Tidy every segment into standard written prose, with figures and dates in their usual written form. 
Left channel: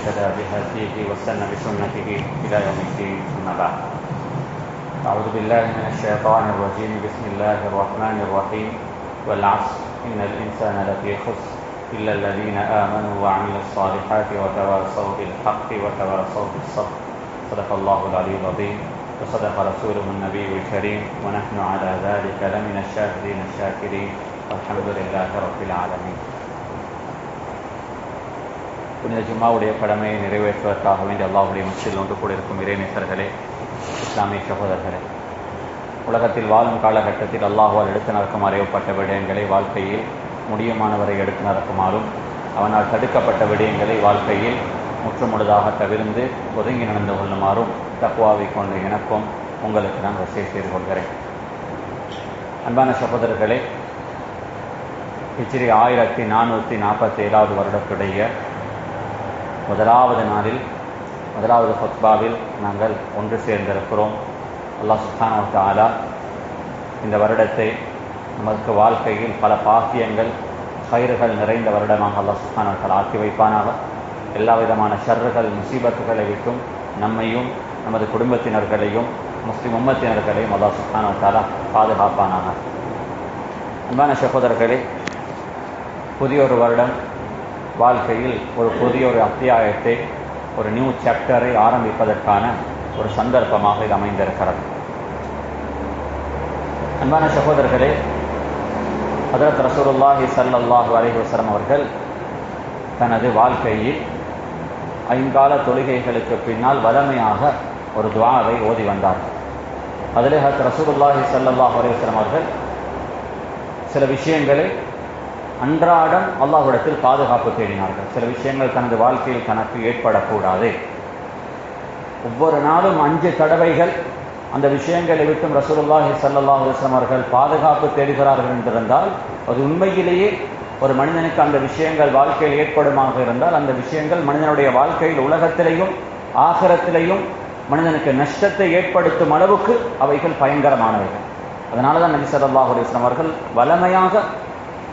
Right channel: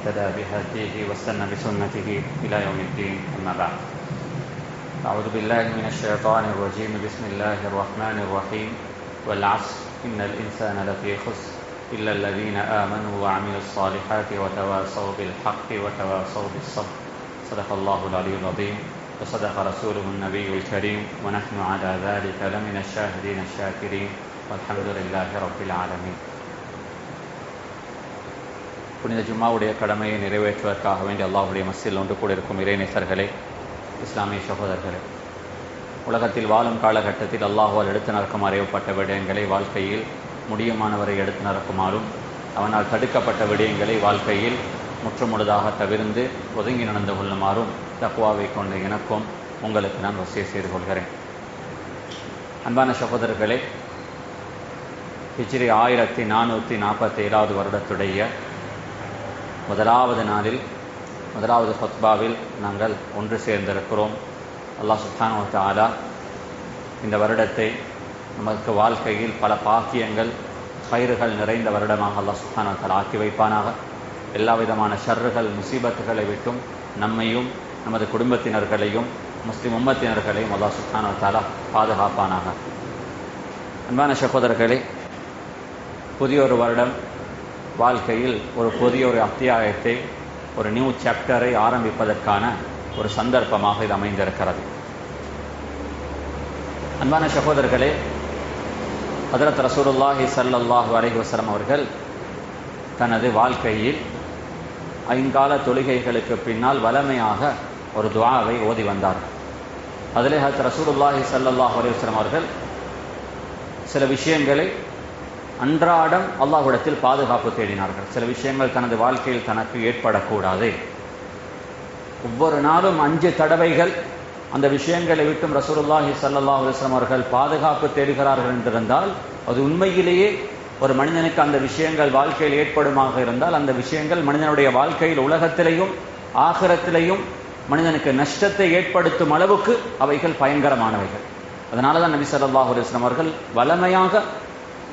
اهتدى بهديه واستنى بسنته إلى يوم الدين. أما بعد، أعوذ بالله من الشيطان الرجيم. بسم الله الرحمن الرحيم. والعصر إن الإنسان لفي خسر إلا الذين آمنوا وعملوا الصالحات وتواصوا بالحق وتواصوا بالصبر. صدق الله العلي العظيم وصدق رسوله النبي الكريم ونحن على ذلك لمن الشاهدين الشاكرين والحمد لله رب العالمين. புனித ஜும்மாவுடைய கடமையை நிறைவேற்றுவதற்காக வேண்டிய அல்லாஹ்வுடைய மஸ்ஜிதில் ஒன்று கூட இருக்கும் இறைநேசர்களே, இஸ்லாமிய சகோதரர்களே, உலகத்தில் வாழும் காலகட்டத்தில் அல்லாஹ்வால் எடுத்து நடக்குமாறு ஏவப்பட்ட விடயங்களை வாழ்க்கையில் முடியுமானவரை எடுத்து நடக்குமாறும், அவனால் தடுக்கப்பட்ட விடயங்களை வாழ்க்கையில் முற்றுமுழுதாக தவிர்ந்து ஒதுங்கி நடந்து கொள்ளுமாறும் தக்வாவை கொண்ட எனக்கும் உங்களுக்கு நான் வசிய செய்து கொள்கிறேன். அன்பான சகோதரர்களே, ஹிஜ்ரி 1447 வருடத்துடைய முதலாவது நாளில் முதலாவது ஃபத்வாவில் நாங்கள் ஒன்று சேர்ந்திருக்கிறோம். அல்லாஹ் சுப்ஹானஹு வ தஆலா இந்த வருடத்தை நமக்கு வாழ்க்கையில் பல பாக்கியங்கள் கயிறுகள் நிறைந்த வருடமாக அல்லாஹ் சுப்ஹானஹு வ தஆலா ஆக்கி வைப்பானாக. எல்லா விதமான ஷர்றுகள் முசீபத்துகளை விட்டும் நம்மையும் நமது குடும்பத்தினர்களையும் முஸ்லிம் உம்மத்தினர்களையும் அல்லாஹ் சுப்ஹானஹு வ தஆலா பாதுகாப்பானாக. அன்பான சகோதரர்களே, புதிய ஒரு வருடம் வாழ்க்கையில் ஒரு புதிய ஒரு அத்தியாயத்தை, ஒரு நியூ சாப்டரை ஆரம்பிப்பதற்கான ஒரு சந்தர்ப்பமாக இது அமைந்திருக்கிறது. அன்பான சகோதரர்களே, ஹஜ்ரத் ரசூலுல்லாஹி ஸல்லல்லாஹு அலைஹி வஸல்லம் அவர்கள் தனது வாழ்க்கையில் 5 கால தொழுகைகளுக்கு பின்னால் வளமையாக ஒரு துஆவை ஓதி வந்தார். அதிலே ஹஜ்ரத் ரசூலுல்லாஹி ஸல்லல்லாஹு அலைஹி வஸல்லம் அவர்கள் சில விஷயங்களை அன்றாடம் அல்லாஹ்விடத்தில் பாதுகாப்பு தேடினார்கள். சில விஷயங்கள் தனது வாழ்க்கையில் தனக்கு ஏற்படக்கூடாது. ஒவ்வொரு நாளும் 5 தடவைகள் அந்த விஷயங்களை விட்டும் ரசூலுல்லாஹி ஸல்லல்லாஹு அலைஹி வஸல்லம் அவர்கள் பாதுகாப்பு தேடுகிறார்கள் என்றிருந்தால், அது உண்மையிலேயே ஒரு மனிதனுக்கு அந்த விஷயங்கள் வாழ்க்கையில் ஏற்படுமாக இருந்தால், அந்த விஷயங்கள் மனிதனுடைய வாழ்க்கையில் உலகத்திலேயும் ஆகிரத்திலேயும் மனிதனுக்கு நஷ்டத்தை ஏற்படுத்தும் அளவுக்கு அவைகள் பயங்கரமானவைகள். அதனால தான் நபி ஸல்லல்லாஹு அலைஹி வஸல்லம் அவர்கள் வளமையாக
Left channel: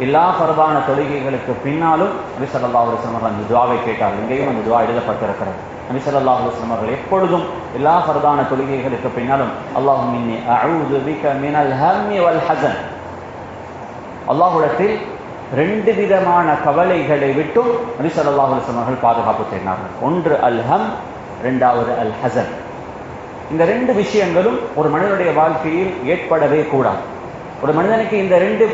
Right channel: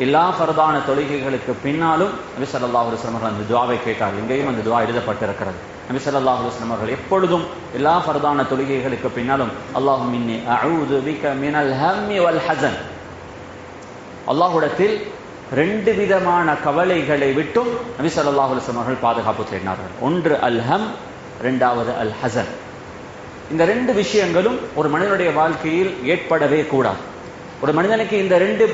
எல்லா ஃபர்தான தொழுகைகளுக்கு பின்னாலும் நபி ஸல்லல்லாஹு அலைஹி வஸல்லம் அவர்கள் அந்த துஆவை கேட்டார். எங்கேயும் அந்த துஆ எழுதப்பட்டிருக்கிறது. நபி ஸல்லல்லாஹு அலைஹி வஸல்லம் அவர்கள் எப்பொழுதும் எல்லா ஃபர்தான தொழுகைகளுக்கு பின்னாலும் அல்லாஹும்ம இன்னி அஊது பிக மினல் ஹம்மி வல் ஹஸன், அல்லாஹ்விடத்தில் 2 விதமான கவலைகளை விட்டும் நபி ஸல்லல்லாஹு அலைஹி வஸல்லம் அவர்கள் பாதுகாப்பு செய்தார்கள். ஒன்று அல் ஹம், இரண்டாவது அல் ஹஸன். இந்த 2 விஷயங்களும் ஒரு மனிதனுடைய வாழ்க்கையில் ஏற்படவே கூடாது. ஒரு மனிதனுக்கு இந்த 2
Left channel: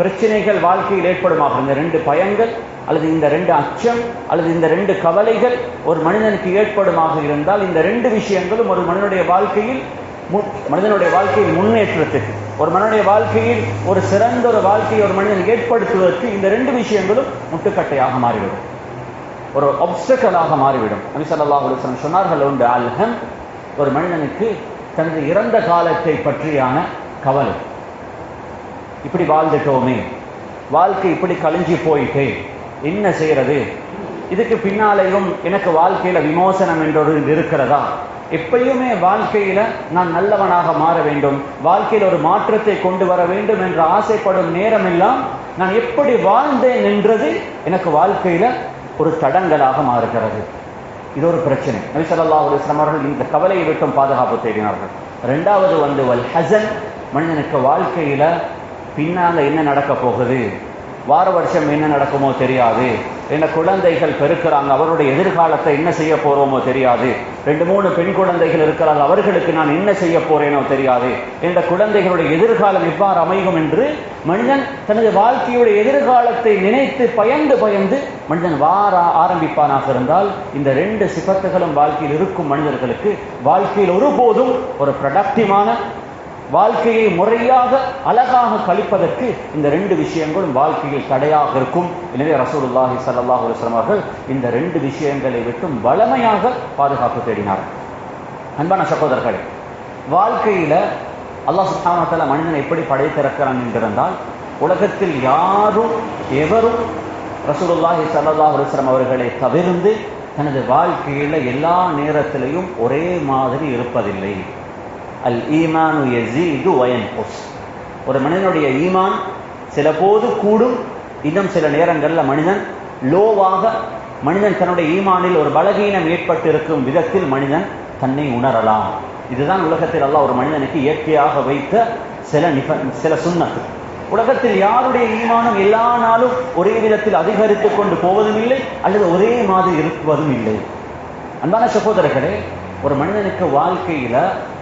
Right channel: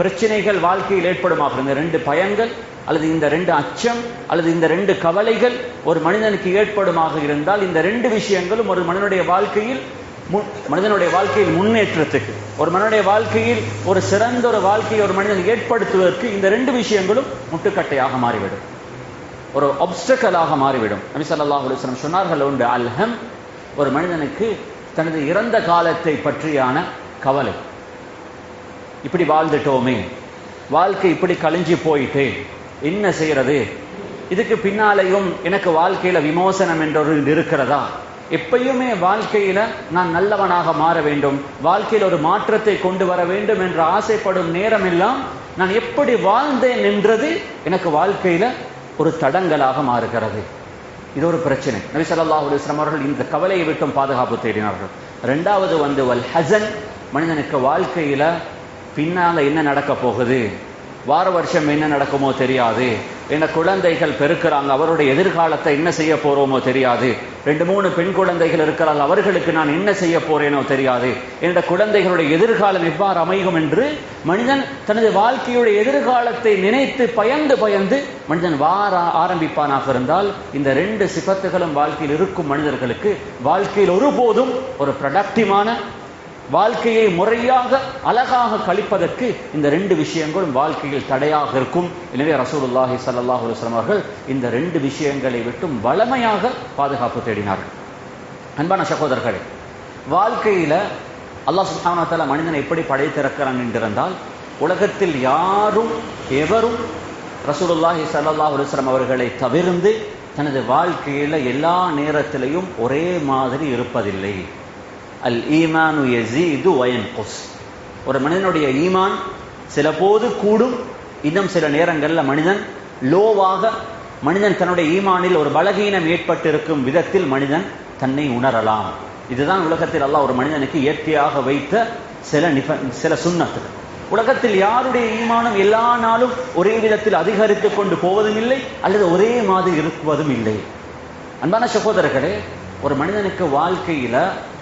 பிரச்சனைகள் வாழ்க்கையில் ஏற்படுமாக, இந்த 2 பயங்கள் அல்லது இந்த 2 அச்சம் அல்லது இந்த 2 கவலைகள் ஒரு மனிதனுக்கு ஏற்படுமாக இருந்தால், இந்த 2 விஷயங்களும் ஒரு மனிதனுடைய வாழ்க்கையில் முன்னேற்றத்துக்கு, ஒரு மனிதனுடைய வாழ்க்கையில் ஒரு சிறந்த ஒரு வாழ்க்கையை ஒரு மனிதன் ஏற்படுத்துவதற்கு இந்த 2 விஷயங்களும் முட்டுக்கட்டையாக மாறிவிடும், ஒரு ஆப்ஸ்டக்கலாக மாறிவிடும். நபி ஸல்லல்லாஹு அலைஹி வஸல்லம் சொன்னார்கள், உண்டு அல்ஹம், ஒரு மனிதனுக்கு தனது இறந்த காலத்தை பற்றியான கவலை. இப்படி வாழ்ந்துட்டோமே, வாழ்க்கை இப்படி கழிஞ்சு போயிட்டே, என்ன செய்யறது? இதுக்கு பின்னாலேயும் எனக்கு வாழ்க்கையில விமோசனம் என்றொரு இருக்கிறதா? எப்பயுமே வாழ்க்கையில நான் நல்லவனாக மாற வேண்டும், வாழ்க்கையில் ஒரு மாற்றத்தை கொண்டு வர வேண்டும் என்று ஆசைப்படும் நேரம் எல்லாம் நான் எப்படி வாழ்ந்தேன் என்றது எனக்கு வாழ்க்கையில ஒரு தடங்கலாக மாறுகிறது. இது ஒரு பிரச்சனை. நபி ஸல்லல்லாஹு அலைஹி வஸல்லம் அவர்கள் இந்த கவலையை விட்டும் பாதுகாப்பு தேடினார்கள். 2வது வல் ஹஸன், மனிதனுக்கு வாழ்க்கையில பின்னால என்ன நடக்க போகுது, வார வருஷம் என்ன நடக்குமோ தெரியாது, என்ன குழந்தைகள் பெருக்கிறாங்க, அவருடைய எதிர்காலத்தை என்ன செய்ய போறோமோ தெரியாது, 2-3 பெண் குழந்தைகள் இருக்கிறார்கள், அவர்களுக்கு நான் என்ன செய்ய போறேனோ தெரியாது, என்ற குழந்தைகளுடைய எதிர்காலம் எவ்வாறு அமையும் என்று மனிதன் தனது வாழ்க்கையுடைய எதிர்காலத்தை நினைத்து பயந்து மனிதன் வார ஆரம்பிப்பானாக இருந்தால், இந்த 2 சிபத்துகளும் வாழ்க்கையில் இருக்கும் மனிதர்களுக்கு வாழ்க்கையில் ஒருபோதும் ஒரு ப்ரொடக்டிவான வாழ்க்கையை முறையாக அழகாக கழிப்பதற்கு இந்த 2 விஷயங்களும் வாழ்க்கையில் தடையாக இருக்கும். எனவே ரசூலுல்லாஹி ஸல்லல்லாஹு அலைஹி வஸல்லம் அவர்கள் இந்த 2 விஷயங்களை விட்டும் வளமையாக பாதுகாப்பு தேடினார்கள். அன்பான சகோதரர்களே, வாழ்க்கையில அல்லாஹ் சுப்ஹானஹு வ தஆலா மனிதனை எப்படி படைத்திருக்கிறான் என்றிருந்தால், உலகத்தில் யாரும் எவரும் ரசூலுல்லாஹி ஸல்லல்லாஹு அலைஹி வஸல்லம் அவர்களை தவிர்த்து தனது வாழ்க்கையில எல்லா நேரத்திலையும் ஒரே மாதிரி இருப்பதில்லை. அல் ஈமானு யஸீது வ யன்குஸ். ஒரு மனிதனுடைய ஈமான் சில போது கூடும், இன்னும் சில நேரங்களில் மனிதன் லோவாக மனிதன் தன்னுடைய ஈமானில் ஒரு பலகீனம் ஏற்பட்டு இருக்கும் விதத்தில் மனிதன் தன்னை உணரலாம். இதுதான் உலகத்தில் அல்லாஹ் ஒரு மனிதனுக்கு இயற்கையாக வைத்த சில சுன்னத்து. உலகத்தில் யாருடைய ஈமானம் எல்லா நாளும் ஒரே விதத்தில் அதிகரித்துக் கொண்டு போவதும் இல்லை, அல்லது ஒரே மாதிரி இருப்பதும் இல்லை. அன்பான சகோதரர்களே, ஒரு மனிதனுக்கு வாழ்க்கையில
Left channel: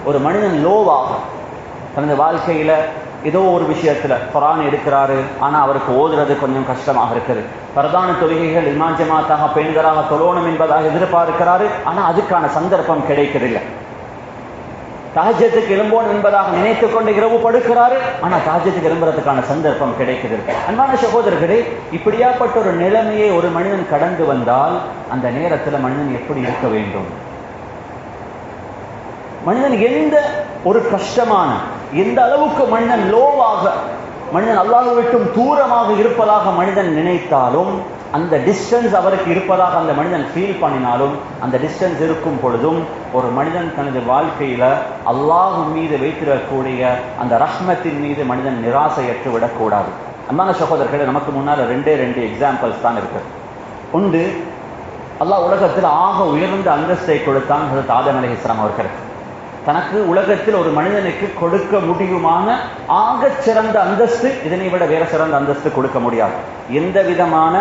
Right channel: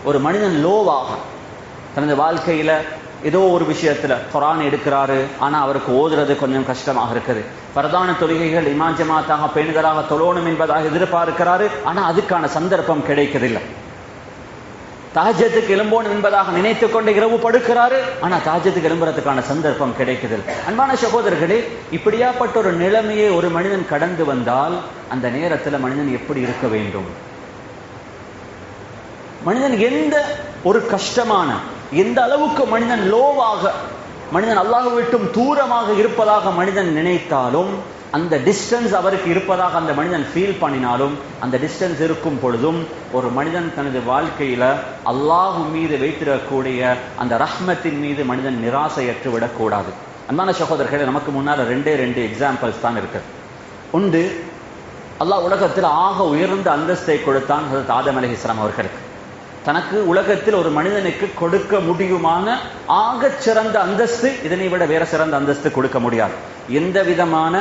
ஒரு மனிதன் லோவாக தனது வாழ்க்கையில ஏதோ ஒரு விஷயத்துல குர்ஆன் எடுக்கிறாரு, ஆனா அவருக்கு ஓதுறது கொஞ்சம் கஷ்டமாக இருக்குது. பிரதான தொழுகைகள் இமாம் ஜமாத்தாக பெண்களாக தொழணும் என்பதாக எதிர்பார்க்கிறாரு, ஆனா அதுக்கான சந்தர்ப்பம் கிடைக்கிறதில்லை. தஹஜ்ஜுக்கு எழும்போன் என்பதாக நினைத்துக் கொண்டு இரவு படுக்கிறாரு, ஆனா தஹஜ்ஜுக்கு எழும்புறதுக்கான சந்தர்ப்பம் கிடைக்குது. அன்பான சகோதரர்களே, இப்படியாப்பட்ட ஒரு நிலைமையை ஒரு மனிதன் கடந்து வந்தால் அந்த நேரத்தில் மனிதன் எப்படி இருக்க வேண்டும்? மனிதன் எந்த ஒரு கஷ்டமான, எந்த அளவுக்கு மனிதன் லோவாக, மனிதன் அல்லாஹ்வை விட்டும் தூரமாக இருப்பதாக மனிதன் நினைத்தாலும், அந்த டிஸ்டன்ஸ் அவருக்கு இருப்பதாக அந்த மனிதன் ஃபீல் பண்ணினாலும், அந்த டிஸ்டன்ஸ் இருக்கும் பொழுதும் ஒரு மனிதன் தனது வாழ்க்கையில அல்லாஹ் மீது வைத்திடக்கூடிய அந்த ரஹ்மத்தின் மீது மனிதன் நிராசையற்று விடக்கூடாது. அன்பான சகோதரர்களே, நமக்கு முன்னால் ரெண்டே எக்ஸாம்பிள்ஸ் தான் இருக்கு. ஒன்று, அல்லாஹ் உலகத்தில் ஆக உயர்ந்த அந்தஸ்தை கொடுத்தான் ஹஜ்ரத் ஆதம் அலைஹிஸ்ஸலாம் அவர்களுக்கு. தனக்கு உலகத்தில் ஒரு மனிதனுக்கு கொடுக்க முடியுமான ஆகச் சிறந்த அந்தஸ்து, இதனை விட வேற சிறந்த அந்தஸ்து கொடுக்க முடியாது. எந்த விதமான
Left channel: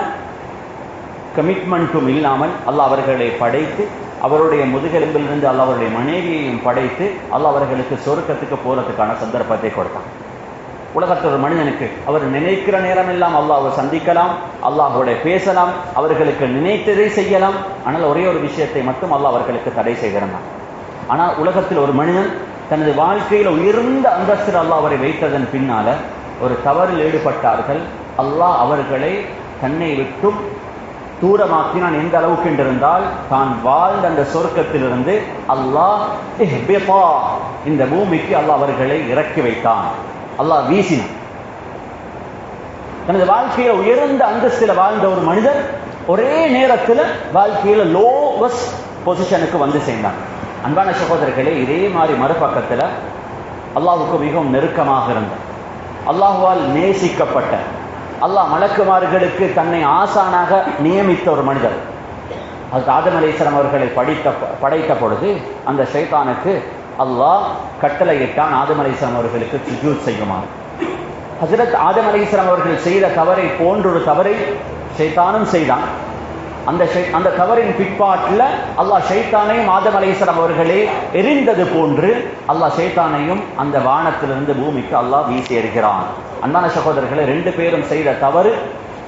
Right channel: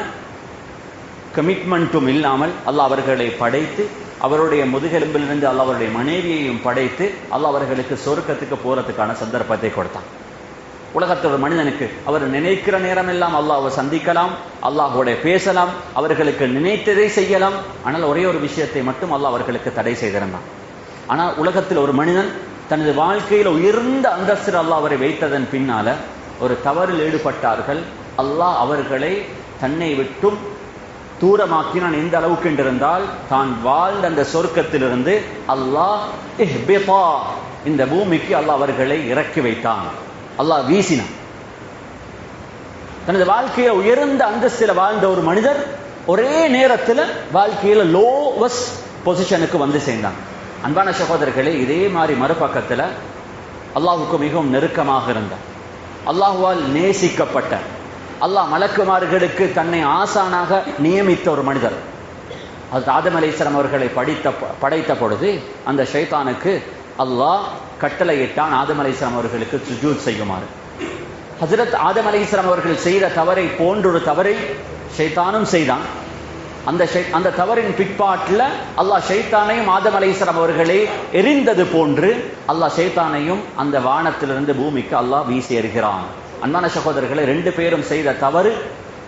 கமிட்மெண்ட்டும் இல்லாமல் அல்லாஹ் அவர்களை படைத்து, அவருடைய முதுகெலும்பிலிருந்து அல்லாஹ் அவருடைய மனைவியையும் படைத்து அல்லாஹ் அவர்களுக்கு சொர்க்கத்துக்கு போறதுக்கான சந்தர்ப்பத்தை கொடுத்தான். உலகத்தில் ஒரு மனிதனுக்கு அவர் நினைக்கிற நேரம் எல்லாம் அல்லாஹ்வை சந்திக்கலாம், அல்லாஹ்வோட பேசலாம், அவர்களுக்கு நினைத்ததை செய்யலாம். ஆனால் ஒரே ஒரு விஷயத்தை மட்டும் அல்லாஹ் அவர்களுக்கு தடை செய்திருந்தான். ஆனால் உலகத்தில் ஒரு மனிதன் தனது வாழ்க்கையில் உயர்ந்த அந்தஸ்தில் அல்லாஹ் அவரை வைத்ததன் பின்னால ஒரு தவறில் ஈடுபட்டார்கள். அல்லாஹ் அவர்களை தன்னை விட்டும் தூரமாக்கினான். எந்த அளவுக்கு என்றிருந்தால், தான் வாழ்ந்த அந்த சொர்க்கத்திலிருந்து அல்லாஹ் இந்த பூமிக்கு அல்லாஹ் அவர்களை இறக்கி வைத்தான். அல்லாஹ் வீசினான். தனது வாழ்க்கையில உயர்ந்த அந்தஸ்தில் வாழ்ந்த ஒரு மனிதர் ஒரே நேரத்தில் வாழ்க்கையில லோவஸ்ட் பொசிஷனுக்கு வந்து சேர்ந்தான். அன்பான சகோதரர்களே, இதே மாதிரி மறுபக்கத்தில் அல்லாஹ்வுக்கு மிகவும் நெருக்கமாக இருந்த, அல்லாஹ்வால் நேசிக்கப்பட்ட, அல்லாஹ் மலக்குமார்களுக்கு தன்னை ஆசானாக நியமித்த ஒரு மனிதர் ஹஜ்ரத் ஆதம் அலைஹிஸ்ஸலாம் அவர்களை படைத்த பொழுது அந்த ஷைத்தானுக்கு அல்லாஹ் கட்டளையிட்டான் ஆதம் அலைஹிஸ்ஸலாம் அவர்களுக்கு சுஜூத் செய்யுமாறு. ஹஜ்ரத் ஆதம் அலைஹிஸ்ஸலாம் அவர்கள் செய்த தவறை போன்றொரு தவறை ஷைத்தானும் செய்தான். அந்த தவறின் பிற்பாட்டில் அல்லாஹ் ஷைத்தானையும் ஆதம் அலைஹிஸ்ஸலாம் அவர்களே எரிந்தது போன்று அல்லாஹ் ஷைத்தானையும் அந்த வானத்திலிருந்து பூமிக்கு அல்லாஹ் வீசி எறிகிறான். அன்பான சகோதரர்களை, ரெண்டு பேரும் செய்த தவறு,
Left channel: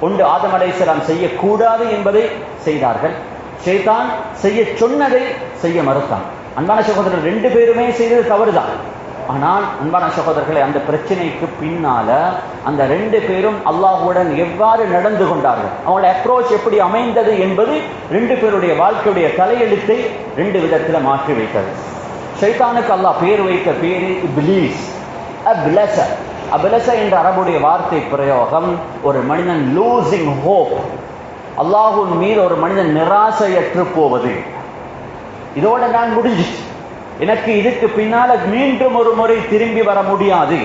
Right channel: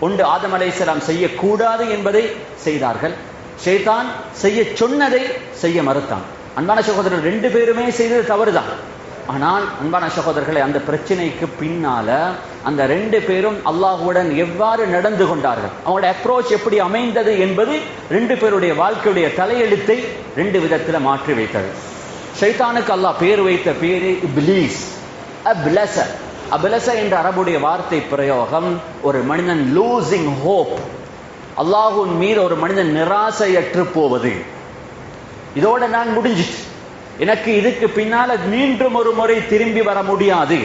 ஒன்று ஆதம் அலைஹிஸ்ஸலாம் செய்யக்கூடாது என்பதை செய்தார்கள், ஷைத்தான் செய்ய சொன்னதை செய்ய மறுத்தான். அன்பான சகோதரர்கள், ரெண்டு பேருமே செய்தது தவறுதான். ஆனால் அன்பான சகோதரர்களை, அந்த பிரச்சனைக்கு பின்னால அந்த ரெண்டு பேரும் அல்லாஹ்வுடன் எவ்வாறு நடந்து கொண்டார்கள், அவங்களுடைய அப்ரோச் எப்படி அமைந்தது என்பது ரெண்டு பேருடைய வாழ்க்கையுடைய தலையெழுத்தை ரெண்டு விதத்தில் மாற்றி வைத்தது. ஷைத்தானுக்கு அல்லாஹ் பேர் வைத்த பேரு இப்லீஸ், அப்லஸ என்ற அரபுடைய வார்த்தை பிரயோகம் ஒரு மனிதன் லூசிங் ஹோப், அல்லாஹ்வின் மீது ஒரு மனிதன் நிராசையற்று போவது. இதோட நான் முடிஞ்சிச்சு, எனக்கு இதுக்கு பின்னால மீண்டும் ஒரு முறை திரும்பி வர முடியாது,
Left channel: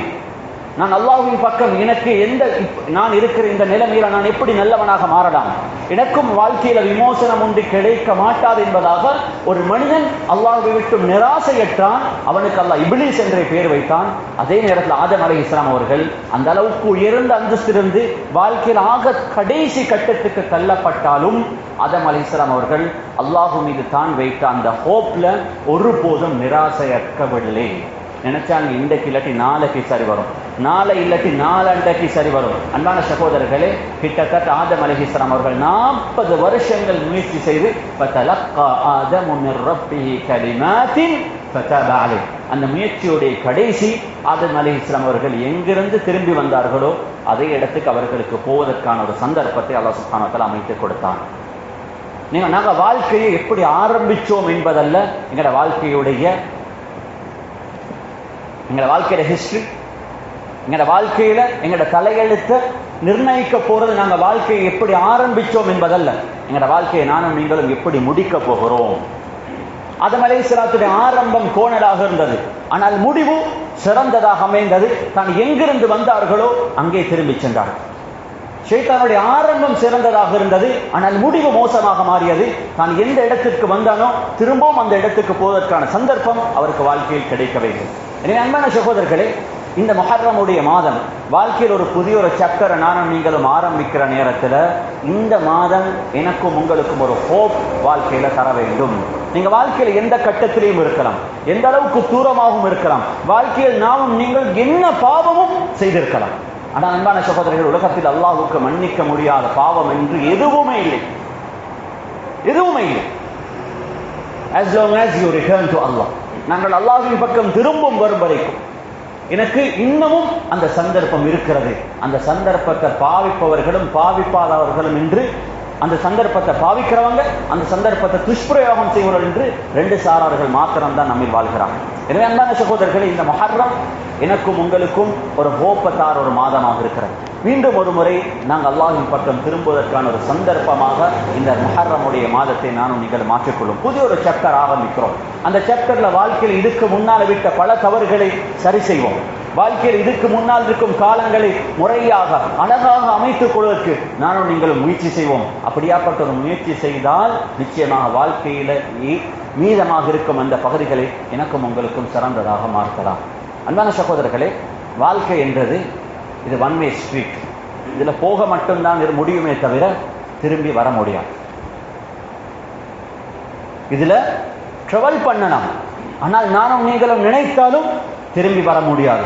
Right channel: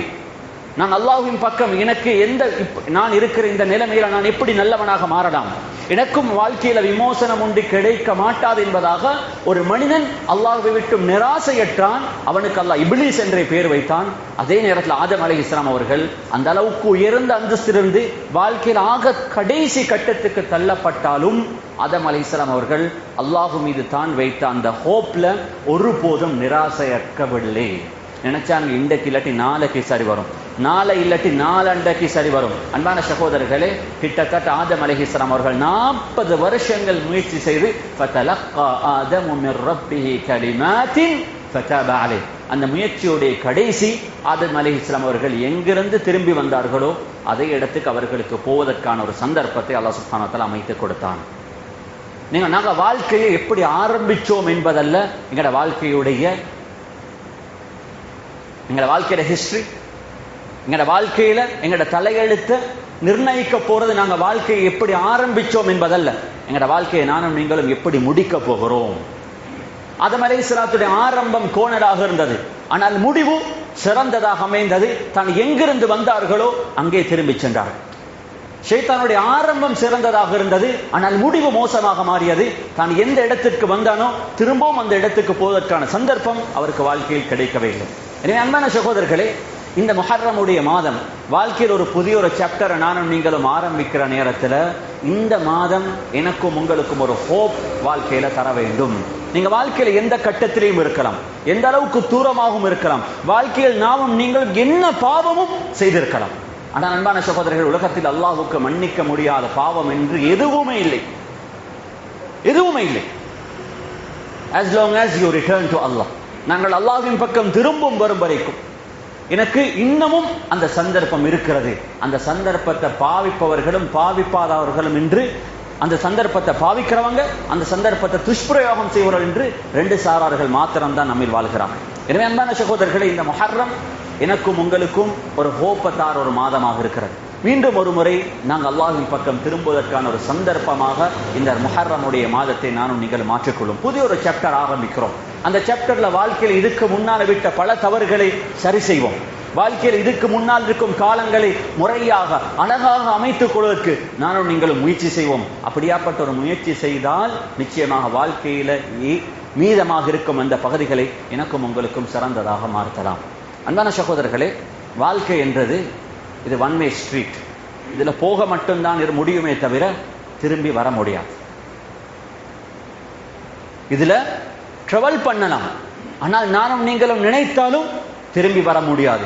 நான் அல்லாஹ்வின் பக்கம் எனக்கு நான் இருக்கிற இந்த நிலைமையில நான் எப்படி நல்லவனாக மாறலாம், எனக்கும் வாழ்க்கையில விமோசனம் ஒன்று கிடைக்க மாட்டாது என்பதாக ஒரு மனிதன் அல்லாஹ்வை விட்டு நிராசையற்றான். அவனுக்கு அல்லாஹ் இப்லீஸ் என்றே பேர் வைத்தான். அதே நேரத்தில் ஆதம் அலைஹிஸ்ஸலாம் அவர்கள் அந்த அளவுக்கு உயர்ந்த அந்தஸ்திலிருந்து வாழ்க்கையில் ஆக கடைசி கட்டத்துக்கு தள்ளப்பட்டாலும் ஆதம் அலைஹிஸ்ஸலாம் அவர்கள் அல்லாஹ் மீது தான் வைத்த அந்த ஹோப்ல ஒருபோதும் நிராசையற்கவில்லை. நினைச்சாங்க இன்றைக்கு இல்லாட்டி நாளைக்கு சரி வரும், நாளை இல்லாட்டி நாளண்டைக்கு சரி வரும். அன்பான சகோதரர்களே, கிட்டத்தட்ட ஆதம் அலைஹிஸ்ஸலாம் அவர்கள் 40 வருஷங்கள் முயற்சி செய்து ஃபதலக்கா ஆதமு மின் ரப்பிஹி கலிமாத்தின் ஃபதப அலைஹி, அந்த முயற்சியுடைய கடைசி ஆதம் அலைஹிஸ்ஸலாம் அவர்கள் எங்கிருந்து திரும்பி வந்தார்களோ அதே இடத்துக்கு அவர்களுக்கு போவதற்கான ஒரு சந்தர்ப்பத்தை அல்லாஹ் சுப்ஹானஹு வ தஆலா அமைத்து கொடுத்தான். நாங்கள் வாழ்க்கையை எப்படி ஆரம்பிச்சோம் என்பதல்ல எங்களோட வாழ்க்கையில ஹிஸ்டரி, எங்களோட வாழ்க்கையில எங்களோட தலையெழுத்தை நிர்ணயிக்க போறது நாங்கள் வாழ்க்கையை எப்படி ஆரம்பிச்சோம் என்பதல்ல, எங்களோட வாழ்க்கையை நானும் நீங்களும் எப்படி முடிக்க போகிறோம். ஆதம் அலைஹிஸ்ஸலாத்துடைய ஆரம்பம் கோணலாக இருந்தது, ஆனால் முடிவு சிறந்ததாக அமைந்தது. தான் எங்கிருந்து வந்தார்களோ அங்கே திரும்பி சென்றார்கள். ஷைத்தானுடைய ஆரம்பம் சிறந்ததாக இருந்தது, ஆனால் முடிவு மோசமாக மாறியது. தான் எந்த இடத்திற்கு வந்தானோ திரும்பவும் அந்த இடத்துக்கு போவதற்கான சந்தர்ப்பம் அவருக்கு வாழ்க்கையில் கிடைக்கவில்லை. எனவே அன்பான சகோதரர்களே, இந்த முஹர்ரமுடைய மாதம் வாழ்க்கையில் ஒரு புதிய ஒரு சாப்டரை நானும் நீங்களும் ஆரம்பிக்கிற நேரத்தில் இந்த மாதம் எனக்கும் உங்களுக்கும் ஒரு ஹோப் வாழ்க்கையில தர வேண்டும். நீங்க வாழ்க்கையில எந்த கட்டத்திலையும் இருக்கலாம், எந்த அளவுக்கு தூரமாகவும் இருக்கலாம், வாழ்க்கையில் நாமும் நீங்கள் என்ன பாவமும் செய்திருக்கலாம். ஆனால் அன்பான சகோதரர்கள், உலகத்தில் அல்லாஹ்வுக்கு மன்னிக்க முடியாத பாவம் என்று எதுவுமே இல்லை, எதுவுமே இல்லை. as long as you return to Allah, நாங்கள் அல்லாஹ்வின் பக்கம் திரும்பும் வரும் வரைக்கும் எனக்கு இன்னமும் அந்த சந்தர்ப்பம் இருக்கிறது. அந்த சந்தர்ப்பத்தை பாவிப்பவர்களும் பாவிப்பாதவர்களும் என்று, அந்த சந்தர்ப்பத்தை பாவிக்கிறவங்க அந்த சந்தர்ப்பத்தை துஷ்பிரயோகம் செய்வர்கள் என்று ரெண்டு சாரார்கள் மாத்திரம்தான் நம்மில் வாழ்கிறாங்க. எனவே அன்பான சகோதரர்களே, இந்த முஹர்ரம் எனக்கும் உங்களுக்கும் ஒரு ஹோப்பத்தார் ஒரு மாதமாக இருக்கிறது. மீண்டும் ஒரு முறை நாங்கள் அல்லாஹ்வின் பக்கம் திரும்புவதற்கான ஒரு சந்தர்ப்பமாக இந்த முஹர்ரமுடைய மாதத்தை நானும் நீங்கள் மாற்றிக்கொள்ளும் புதிய ஒரு சாப்டர் ஆரம்பிக்கிறோம். அந்த சாப்டர்ல வாழ்க்கையில் இதுக்கு முன்னால் விட்ட பல தவறுகளை சரி செய்வோம். வாழ்க்கையில் இதுக்கு முன்னால் இருக்கும் காலங்களை முறையாக அழகாக அமைத்துக் கொள்வதற்கு நானும் நீங்களும் முயற்சி செய்வோம். அப்படியாப்பட்ட ஒரு முயற்சி செய்தால் நிச்சயமாக வாழ்க்கையில மீதமாக இருக்கும் அந்த பகுதிகளை எனக்கும் உங்களுக்கும் சிறந்ததாக மாற்றலாம். அன்பான சகோதரர்களே, வாழ்க்கை என்றது இது ஒன் வே ஸ்ட்ரீட். இதுல போக மட்டும்தான் முடியுமே தவிர திரும்பி வர முடியாது. இதுல ட்ராவல் பண்ணலாம், ஆனால் நானும் நீங்களும் நினைத்தாலும் திரும்பி வர முடியாது.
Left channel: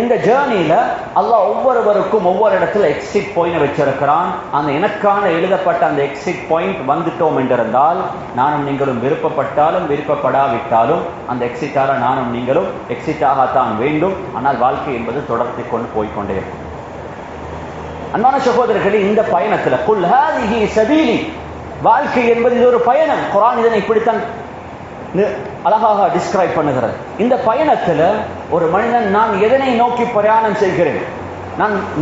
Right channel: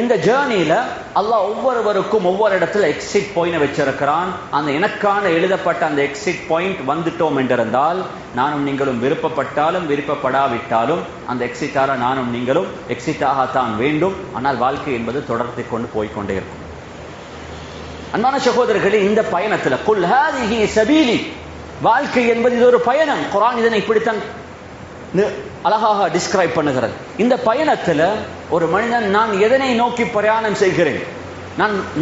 இந்த ஜேர்னியில அல்லாஹ் ஒவ்வொருவருக்கும் ஒவ்வொரு இடத்துல எக்ஸிட் பாயிண்ட் வச்சிருக்கிறான். அந்த எனக்கான எழுதப்பட்ட அந்த எக்ஸிட் பாயிண்ட் வந்துட்டோம் என்றிருந்தால் நானும் நீங்களும் விருப்பப்பட்டாலும் விருப்பப்படாவிட்டாலும் அந்த எக்ஸிட்டால நானும் நீங்களும் எக்ஸிட் ஆகத்தான் வேண்டும். ஆனால் வாழ்க்கை என்பது தொடர்ந்து கொண்டு போய்கொண்டே இருக்கும். அன்பான சகோதரர்களே, இந்த பயணத்துல குல் ஹாதிஹி சபீலி, வாழ்க்கை என்பது இது ஒரு பயணம். குர்ஆன் இதனை இப்படித்தான் அழகாக டிஸ்கிரைப் பண்ணுகிறது. இந்த பயணத்துல ஒரு மனிதன் நான் எதனை நோக்கி பிரயாணம் செய்கிறேன்,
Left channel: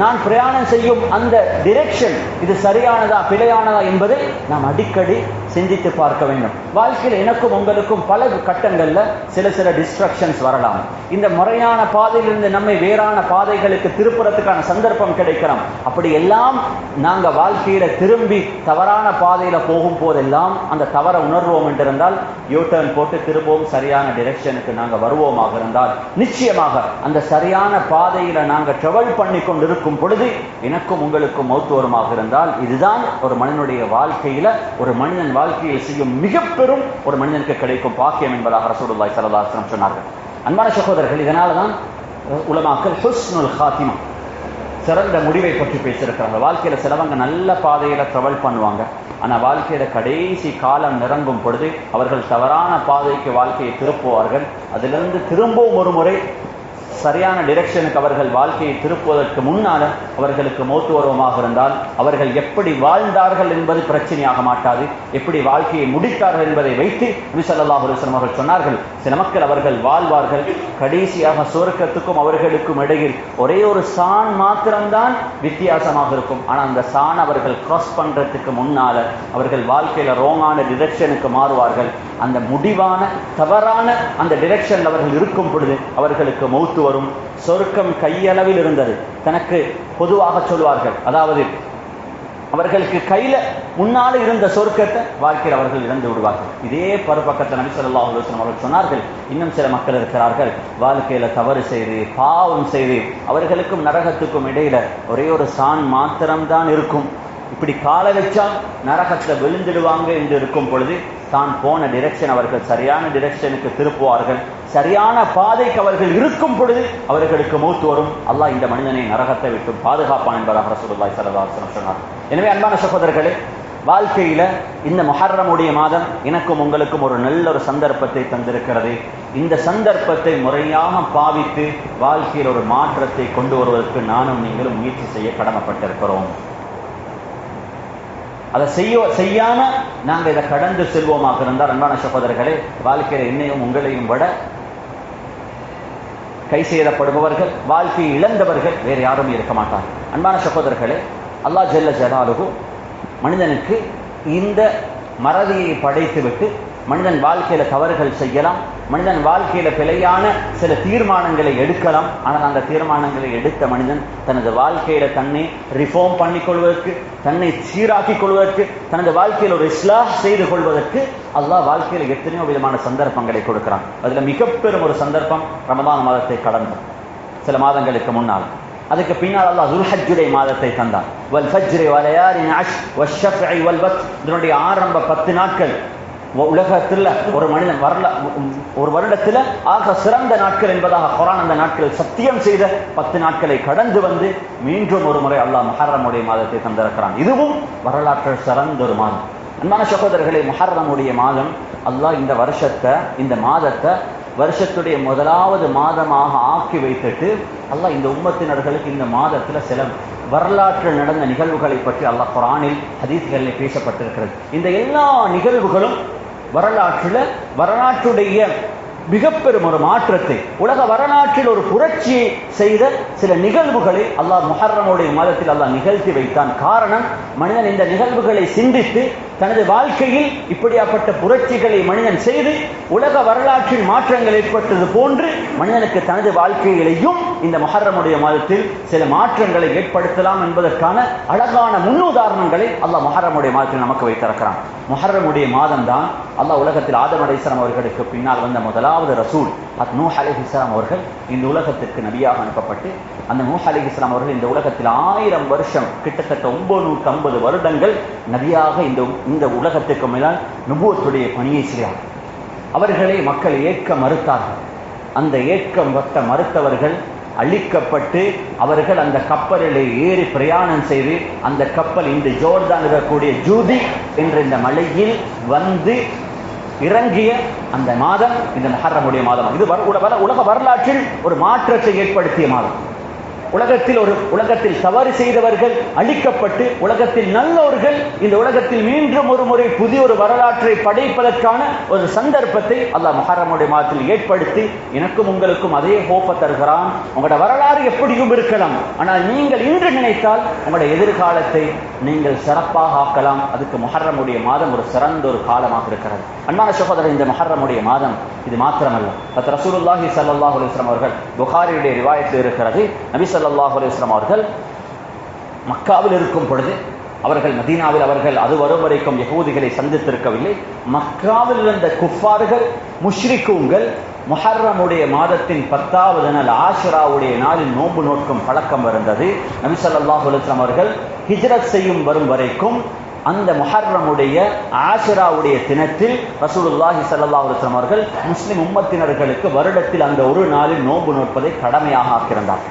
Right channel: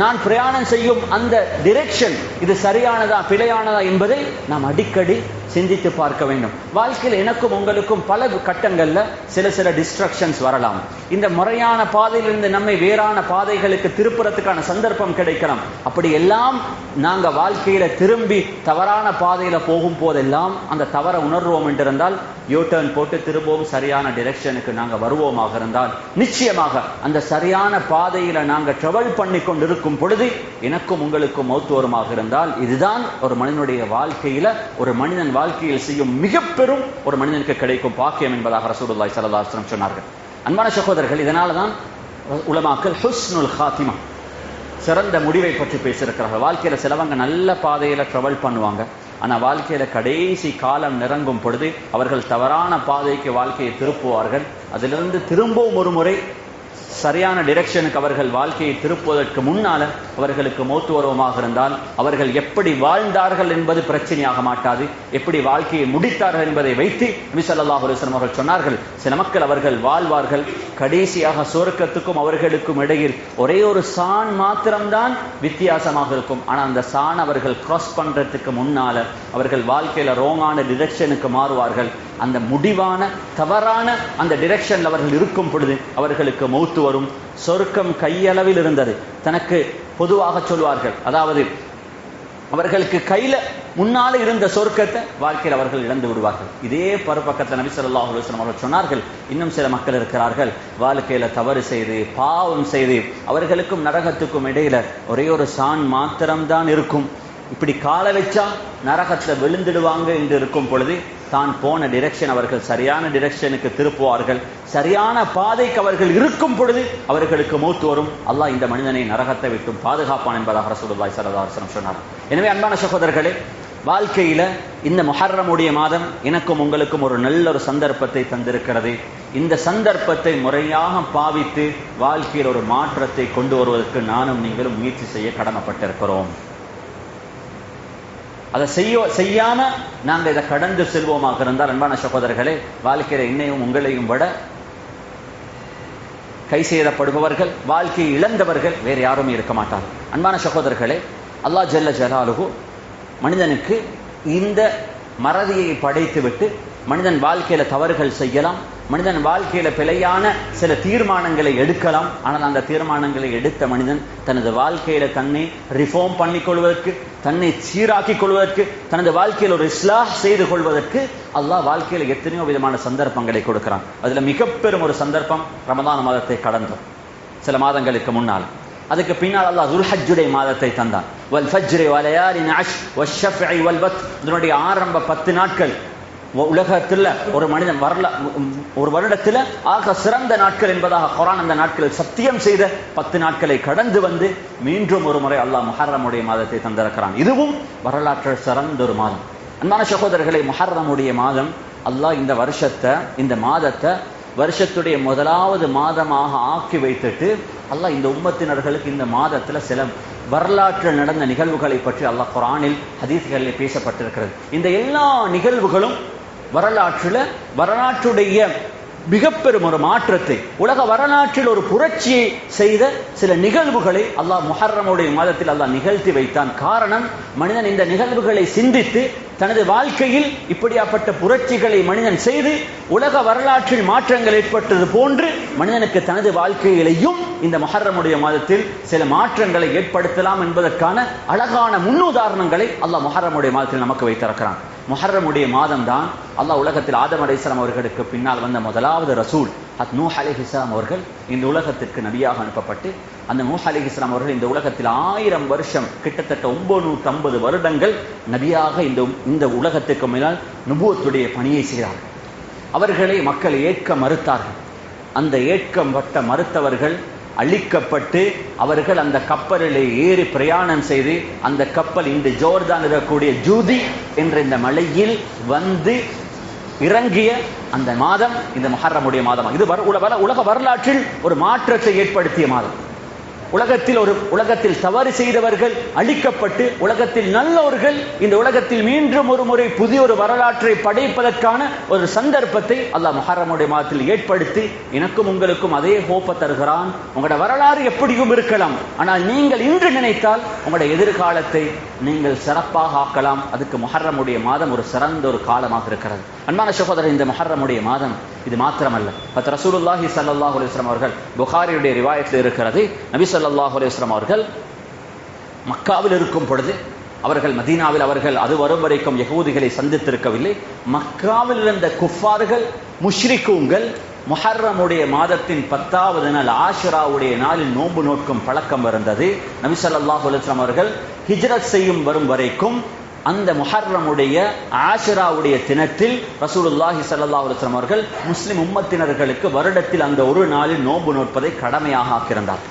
நான் பிரயாணம் செய்யும் அந்த டிரெக்ஷன் இது சரியானதா பிழையானதா என்பதை நாம் அடிக்கடி சிந்தித்து பார்க்க வேண்டும். வாழ்க்கையில் எனக்கும் உங்களுக்கும் பல கட்டங்கள்ல சில டிஸ்ட்ரக்ஷன்ஸ் வரலாம். இந்த முறையான பாதையிலிருந்து நம்மை வேறான பாதைகளுக்கு திருப்புறத்துக்கான சந்தர்ப்பம் கிடைக்கலாம். அப்படி எல்லாம் நாங்க வாழ்க்கையில திரும்பி தவறான பாதையில போகும் போதெல்லாம் அந்த தவறை உணர்வோம் என்றிருந்தால் யூ டர்ன் போட்டு திரும்பவும் சரியான டிரெக்ஷனுக்கு நாங்க வருவோமாக இருந்தால் நிச்சயமாக அந்த சரியான பாதையில நாங்க ட்ராவல் பண்ணி கொண்டிருக்கும் பொழுது எனக்கும் உங்களுக்கும் மௌத் வருமாக இருந்தால் இதுதான் ஒரு மனிதனுடைய வாழ்க்கையில ஒரு மனிதன் வாழ்க்கையில் செய்யும் மிக பெரும் ஒரு மனிதனுக்கு கிடைக்கும் பாக்கியம் என்பதாக ரசூலுல்லாஹி ஸல்லல்லாஹு அலைஹி வஸல்லம் சொன்னார்கள். அன்பான சகோதரர்கள், இதனால தான் உலமாக்கள் ஹுஸ்னுல் காத்திமா, சிறந்த முடிவை பற்றி பேசியிருக்கிறாங்க. வாழ்க்கையில சிலவங்க நல்ல பாதையில ட்ராவல் பண்ணுவாங்க, ஆனா வாழ்க்கையில கடைசி காலம் நெருங்கும் பொழுது அவர்கள் தவறான பாதைக்கு வாழ்க்கையை திருப்புவார்கள். அதிலிருந்து திரும்பவும் ஒரு முறை சரியான டிரெக்ஷனுக்கு அவர்கள் வாழ்க்கையை திருப்புவதற்கு முன்னால அவர்களுக்கு மௌத் வருவமாக இருந்தால் அவர்கள் எப்படி வாழ்ந்தார்கள் என்பது பிரச்சனையாக மாட்டாது, எப்படி வாழ்க்கையை முடித்தார்கள் என்பதை வைத்து நபி ஸல்லல்லாஹு அலைஹி வஸல்லம் அவர்கள் சொன்னார்கள், சில மக்கள் அவர்கள் வாழ்வார்கள், கடைசியாக சொர்க்கத்துக்கும் அவர்களுக்கும் இடையில் ஒரே ஒரு சான் மாத்திரம்தான் வித்தியாசமாக இருக்கும். ஆனால் அந்த சான் அவர்கள் கிராஸ் பண்றதுக்கு முன்னால அவர்கள் வாழ்க்கையில ரோமான டிரெக்ஷனுக்கு மாறுவார்கள். அந்த முடிவான தவறான அந்த டிரெக்ஷன்ல அவர்கள் இருக்கும் பொழுது அவர்களுக்கு மௌத் வரும். சொர்க்கம் கையளவில் இருந்தது தனக்கு பொதுவாக சொல்வார்கள், அதாவது அவர்களுக்கு கையில முன்னால இருந்த சொர்க்கத்தை வாழ்க்கையில் அவர்கள் இழந்து விடுவார்கள். இதே பருப்பக்கத்தை நபி ஸல்லல்லாஹு அலைஹி வஸல்லம் அவர்கள் சொன்னார்கள், இன்னும் சில மக்கள் இருக்கிறார்கள் வாழ்க்கையில தவறு செய்து பாவம் செய்து அவர்களுக்கும் நரகத்துக்கும் இடையில ஒரே ஒரு சான் மாத்திரம்தான் இருக்கும். இப்படி கால வச்சால் நரகத்தை விழுந்துடுவாங்க என்று இருக்கும் பொழுது தான் போன டிரெக்ஷன் அவர்கள் சரியான டிரெக்ஷனுக்கு திருப்புவார்கள். சரியான பாதைக்கு அவர்கள் இருக்கும் பொழுது அவர்களுக்கு மௌத் வரும். அல்லாஹ் இந்த மனிதனை நரகத்தை விட்டு பாதுகாப்பான் என்பதாக ரசூலுல்லாஹி ஸல்லல்லாஹு அலைஹி வஸல்லம் சொன்னார். எனவே அன்பான சகோதரர்களே, வாழ்க்கையில இந்த முஹர்ரமுடைய மாதம் எனக்கும் உங்களுக்கும் ஒரு நல்ல ஒரு சந்தர்ப்பத்தை தந்திருக்கிறது. இந்த சந்தர்ப்பத்தை முறையாக பாவித்து வாழ்க்கையில் ஒரு மாற்றத்தை கொண்டு வருவதற்கு நானும் நீங்களும் முயற்சி செய்ய கடமைப்பட்டிருக்கிறோம். அதை செய்யாம நாங்க இதை கடந்து செல்வோமாக இருந்தால் அன்பான சகோதரர்களே, வாழ்க்கையில என்னையும் உங்களையும் விட கை செய்யப்படுபவர்கள், வாழ்க்கையை இழந்தவர்கள் வேற யாரும் இருக்க மாட்டார். அன்பான சகோதரர்களே, அல்லாஹ் ஜல்ல ஜலாலுஹு மனிதனுக்கு இந்த மறதியை படைத்துவிட்டு மனிதன் வாழ்க்கையில தவறுகள் செய்யலாம், மனிதன் வாழ்க்கையில பிழையான சில தீர்மானங்களை எடுக்கலாம். ஆனால் அந்த தீர்மானங்களை எடுத்த மனிதன் தனது வாழ்க்கையில தன்னை ரிஃபார்ம் பண்ணிக் கொள்வதற்கு, தன்னை சீராக்கிக் கொள்வதற்கு, தனது வாழ்க்கையில் ஒரு இஸ்லாஹ் செய்து கொள்வதற்கு அல்லாஹ் வாழ்க்கையில எத்தனையோ விதமான சந்தர்ப்பங்களை கொடுக்கிறான். அதுல மிக பெரும் ஒரு சந்தர்ப்பம் ரமதான் மாதத்தை கடந்து சில மாதங்களுக்கு முன்னால். அதுக்கு பின்னால் அல்லாஹ் துல்ஹஜ்ஜுடைய மாதத்தை தந்தான். வல் ஃபஜ்ரி வலயாலின் அஷ் வஷ்ஷஃபி வல் வத்ர். இதனுடைய ஆரம்ப 10 நாட்கள் உலகத்தில் ஒரு மனிதன் ஒரு வருடத்தில் ஆக சிறந்த நாட்கள் என்பதாக குர்ஆன் அந்த நாட்களில் சத்தியம் செய்த 10 நாட்களை கடந்து வந்து மீண்டும் ஒரு முறை அல்லாஹ் முஹர்ரமுடைய மாதத்தை தந்திருக்கிறான். இதுவும் வரலாற்றில் சிறந்த ஒரு மாதம். அன்பான சகோதரர்களை, முஹர்ரமுடைய மாதம் அல்லாஹ் இந்த மாதத்தை வருஷத்துடைய முதலாவது மாதமாக ஆக்கி வைத்துட்டு அல்லாஹ் இந்த உம்மத்தினர்களுக்கு இந்த மாதத்துல சில வரலாற்றில் நடந்த நிகழ்வுகளை பற்றி அல்லாஹ் குர்ஆனில் ஹதீஸ்களில் பேசப்பட்டிருக்கிறது. இந்த எல்லா நிகழ்வுகளும் வரலாற்றுடைய மிக பெரும் ஒரு மாற்றத்தை, உலக வரலாற்றில் ஒரு புரட்சியை செய்த சில நிகழ்வுகளை அல்லாஹ் முஹர்ரமுடைய மாதத்தில் அல்லாஹ் நிகழ்த்தி வைத்தான். காரணம், மனிதன் இந்த நிகழ்வுகளை சிந்தித்து தனது வாழ்க்கையில் இப்படியாப்பட்ட புரட்சிகளை மனிதன் செய்து உலக வரலாற்றில் மாற்றங்கள் ஏற்பட்டது போன்று மனிதனுக்கு தனது வாழ்க்கையிலேயும் இந்த முஹர்ரமுடைய மாதத்தில் சில மாற்றங்களை ஏற்படுத்தலாம் என்பதற்கான அழகான முன்னுதாரணங்களை அல்லாஹ் முஹர்ரமுடைய மாதத்தில் நமக்கு வைத்திருக்கிறான். முஹர்ரமுடைய மாதம் தான் அல்லாஹ் உலகத்தில் ஆதம் அலைஹிஸ்ஸலாம் அவர்களுக்கு பின்னால் வந்த முதலாவது ரசூல் நூஹ் அலைஹிஸ்ஸலாம் அவர்கள் இந்த உலகத்திற்கு நபியாக அனுப்பப்பட்டு, அந்த நூஹ் அலைஹிஸ்ஸலாம் அவர்கள் இந்த உலகத்தில் 1000 வருஷம், கிட்டத்தட்ட 950 வருடங்கள் நபியாக இந்த உலகத்திற்கு மேலால் நுபுவத்துடைய பணியை செய்தார். அவர்களை மக்கள் ஏற்க மறுத்தார்கள். அந்த ஏற்கம் மறுத்தவர்கள் அழிக்கப்பட்டு அவர்கள் அந்த கப்பலிலே ஏறி பிரயாணம் செய்து அந்த கப்பல் இன்று ஜோர்தான் இருக்கக்கூடிய ஜூதி என்ற இந்த மலையில் வந்து இறங்கிய அந்த மாதம் இந்த முஹர்ரமுடைய மாதம். இது உலக வரலாற்றில் ஒரு மாற்றத்தை ஏற்படுத்திய மாதம். உலகத்தில் தவறு செய்தவர்கள் அழிக்கப்பட்டு உலகத்தில் நல்லோர்கள் இந்த உலகத்தில் மீண்டும் ஒரு முறை புதிய ஒரு வரலாற்றை படைப்பதற்கான ஒரு சந்தர்ப்பத்தை அல்லாஹ் முஹர்ரமுடைய மாதத்தில் ஏற்படுத்தி எனக்கும் உங்களுக்கும் அதே ஹோப்பை தருகிறான். உங்களோட வரலாறு எப்படியும் இருக்கலாம், ஆனால் நீங்கள் இன்று நினைத்தால் உங்களுடைய எதிர்காலத்தை நீங்கள் சிறப்பாக ஆக்கலாம். அதுக்கு முஹர்ரமுடைய மாதம் ஒரு சிறந்த ஒரு காலமாக இருக்கிறது. அன்பான சகோதரர், இந்த முஹர்ரமுடைய மாதம் இது மாத்திரமல்ல, ரசூலுல்லாஹி ஸல்லல்லாஹு அலைஹி வஸல்லம் அவர்கள் புகாரியுடைய ரிவாயத்தில் இருக்கிறது, நபி ஸல்லல்லாஹு அலைஹி வஸல்லம் அவர்கள் மக்காவில் இருக்கும் பொழுது அவர்கள் மதீனாவில் அது வரும் வரைக்கும் யகூதிகளை சந்தித்திருக்கவில்லை. மக்காவில் இருந்த குஃபார்கள், முஷ்ரிக்குங்கள் முஹர்ரமுடைய மாதத்தின் 10வது நாள் ஆஷுராவுடைய நாளில் நோன்பு நோக்கும் பழக்கம் இருந்தது. நபி ஸல்லல்லாஹு அலைஹி வஸல்லம் அவர்கள் ஹிஜ்ரத் செய்யும் வரும் வரைக்கும் அந்த முஹர்ரமுடைய ஆஷுராவுடைய தினத்தில் ரசூலுல்லாஹி ஸல்லல்லாஹு அலைஹி வஸல்லம் அவர்கள் முஸ்லிம் உம்மத்தினர்களுக்கு வருடத்தில் அந்த ஒரு நாளில் நோன்பு நோட்பதை கடமையாக ஆக்கியிருந்தார்.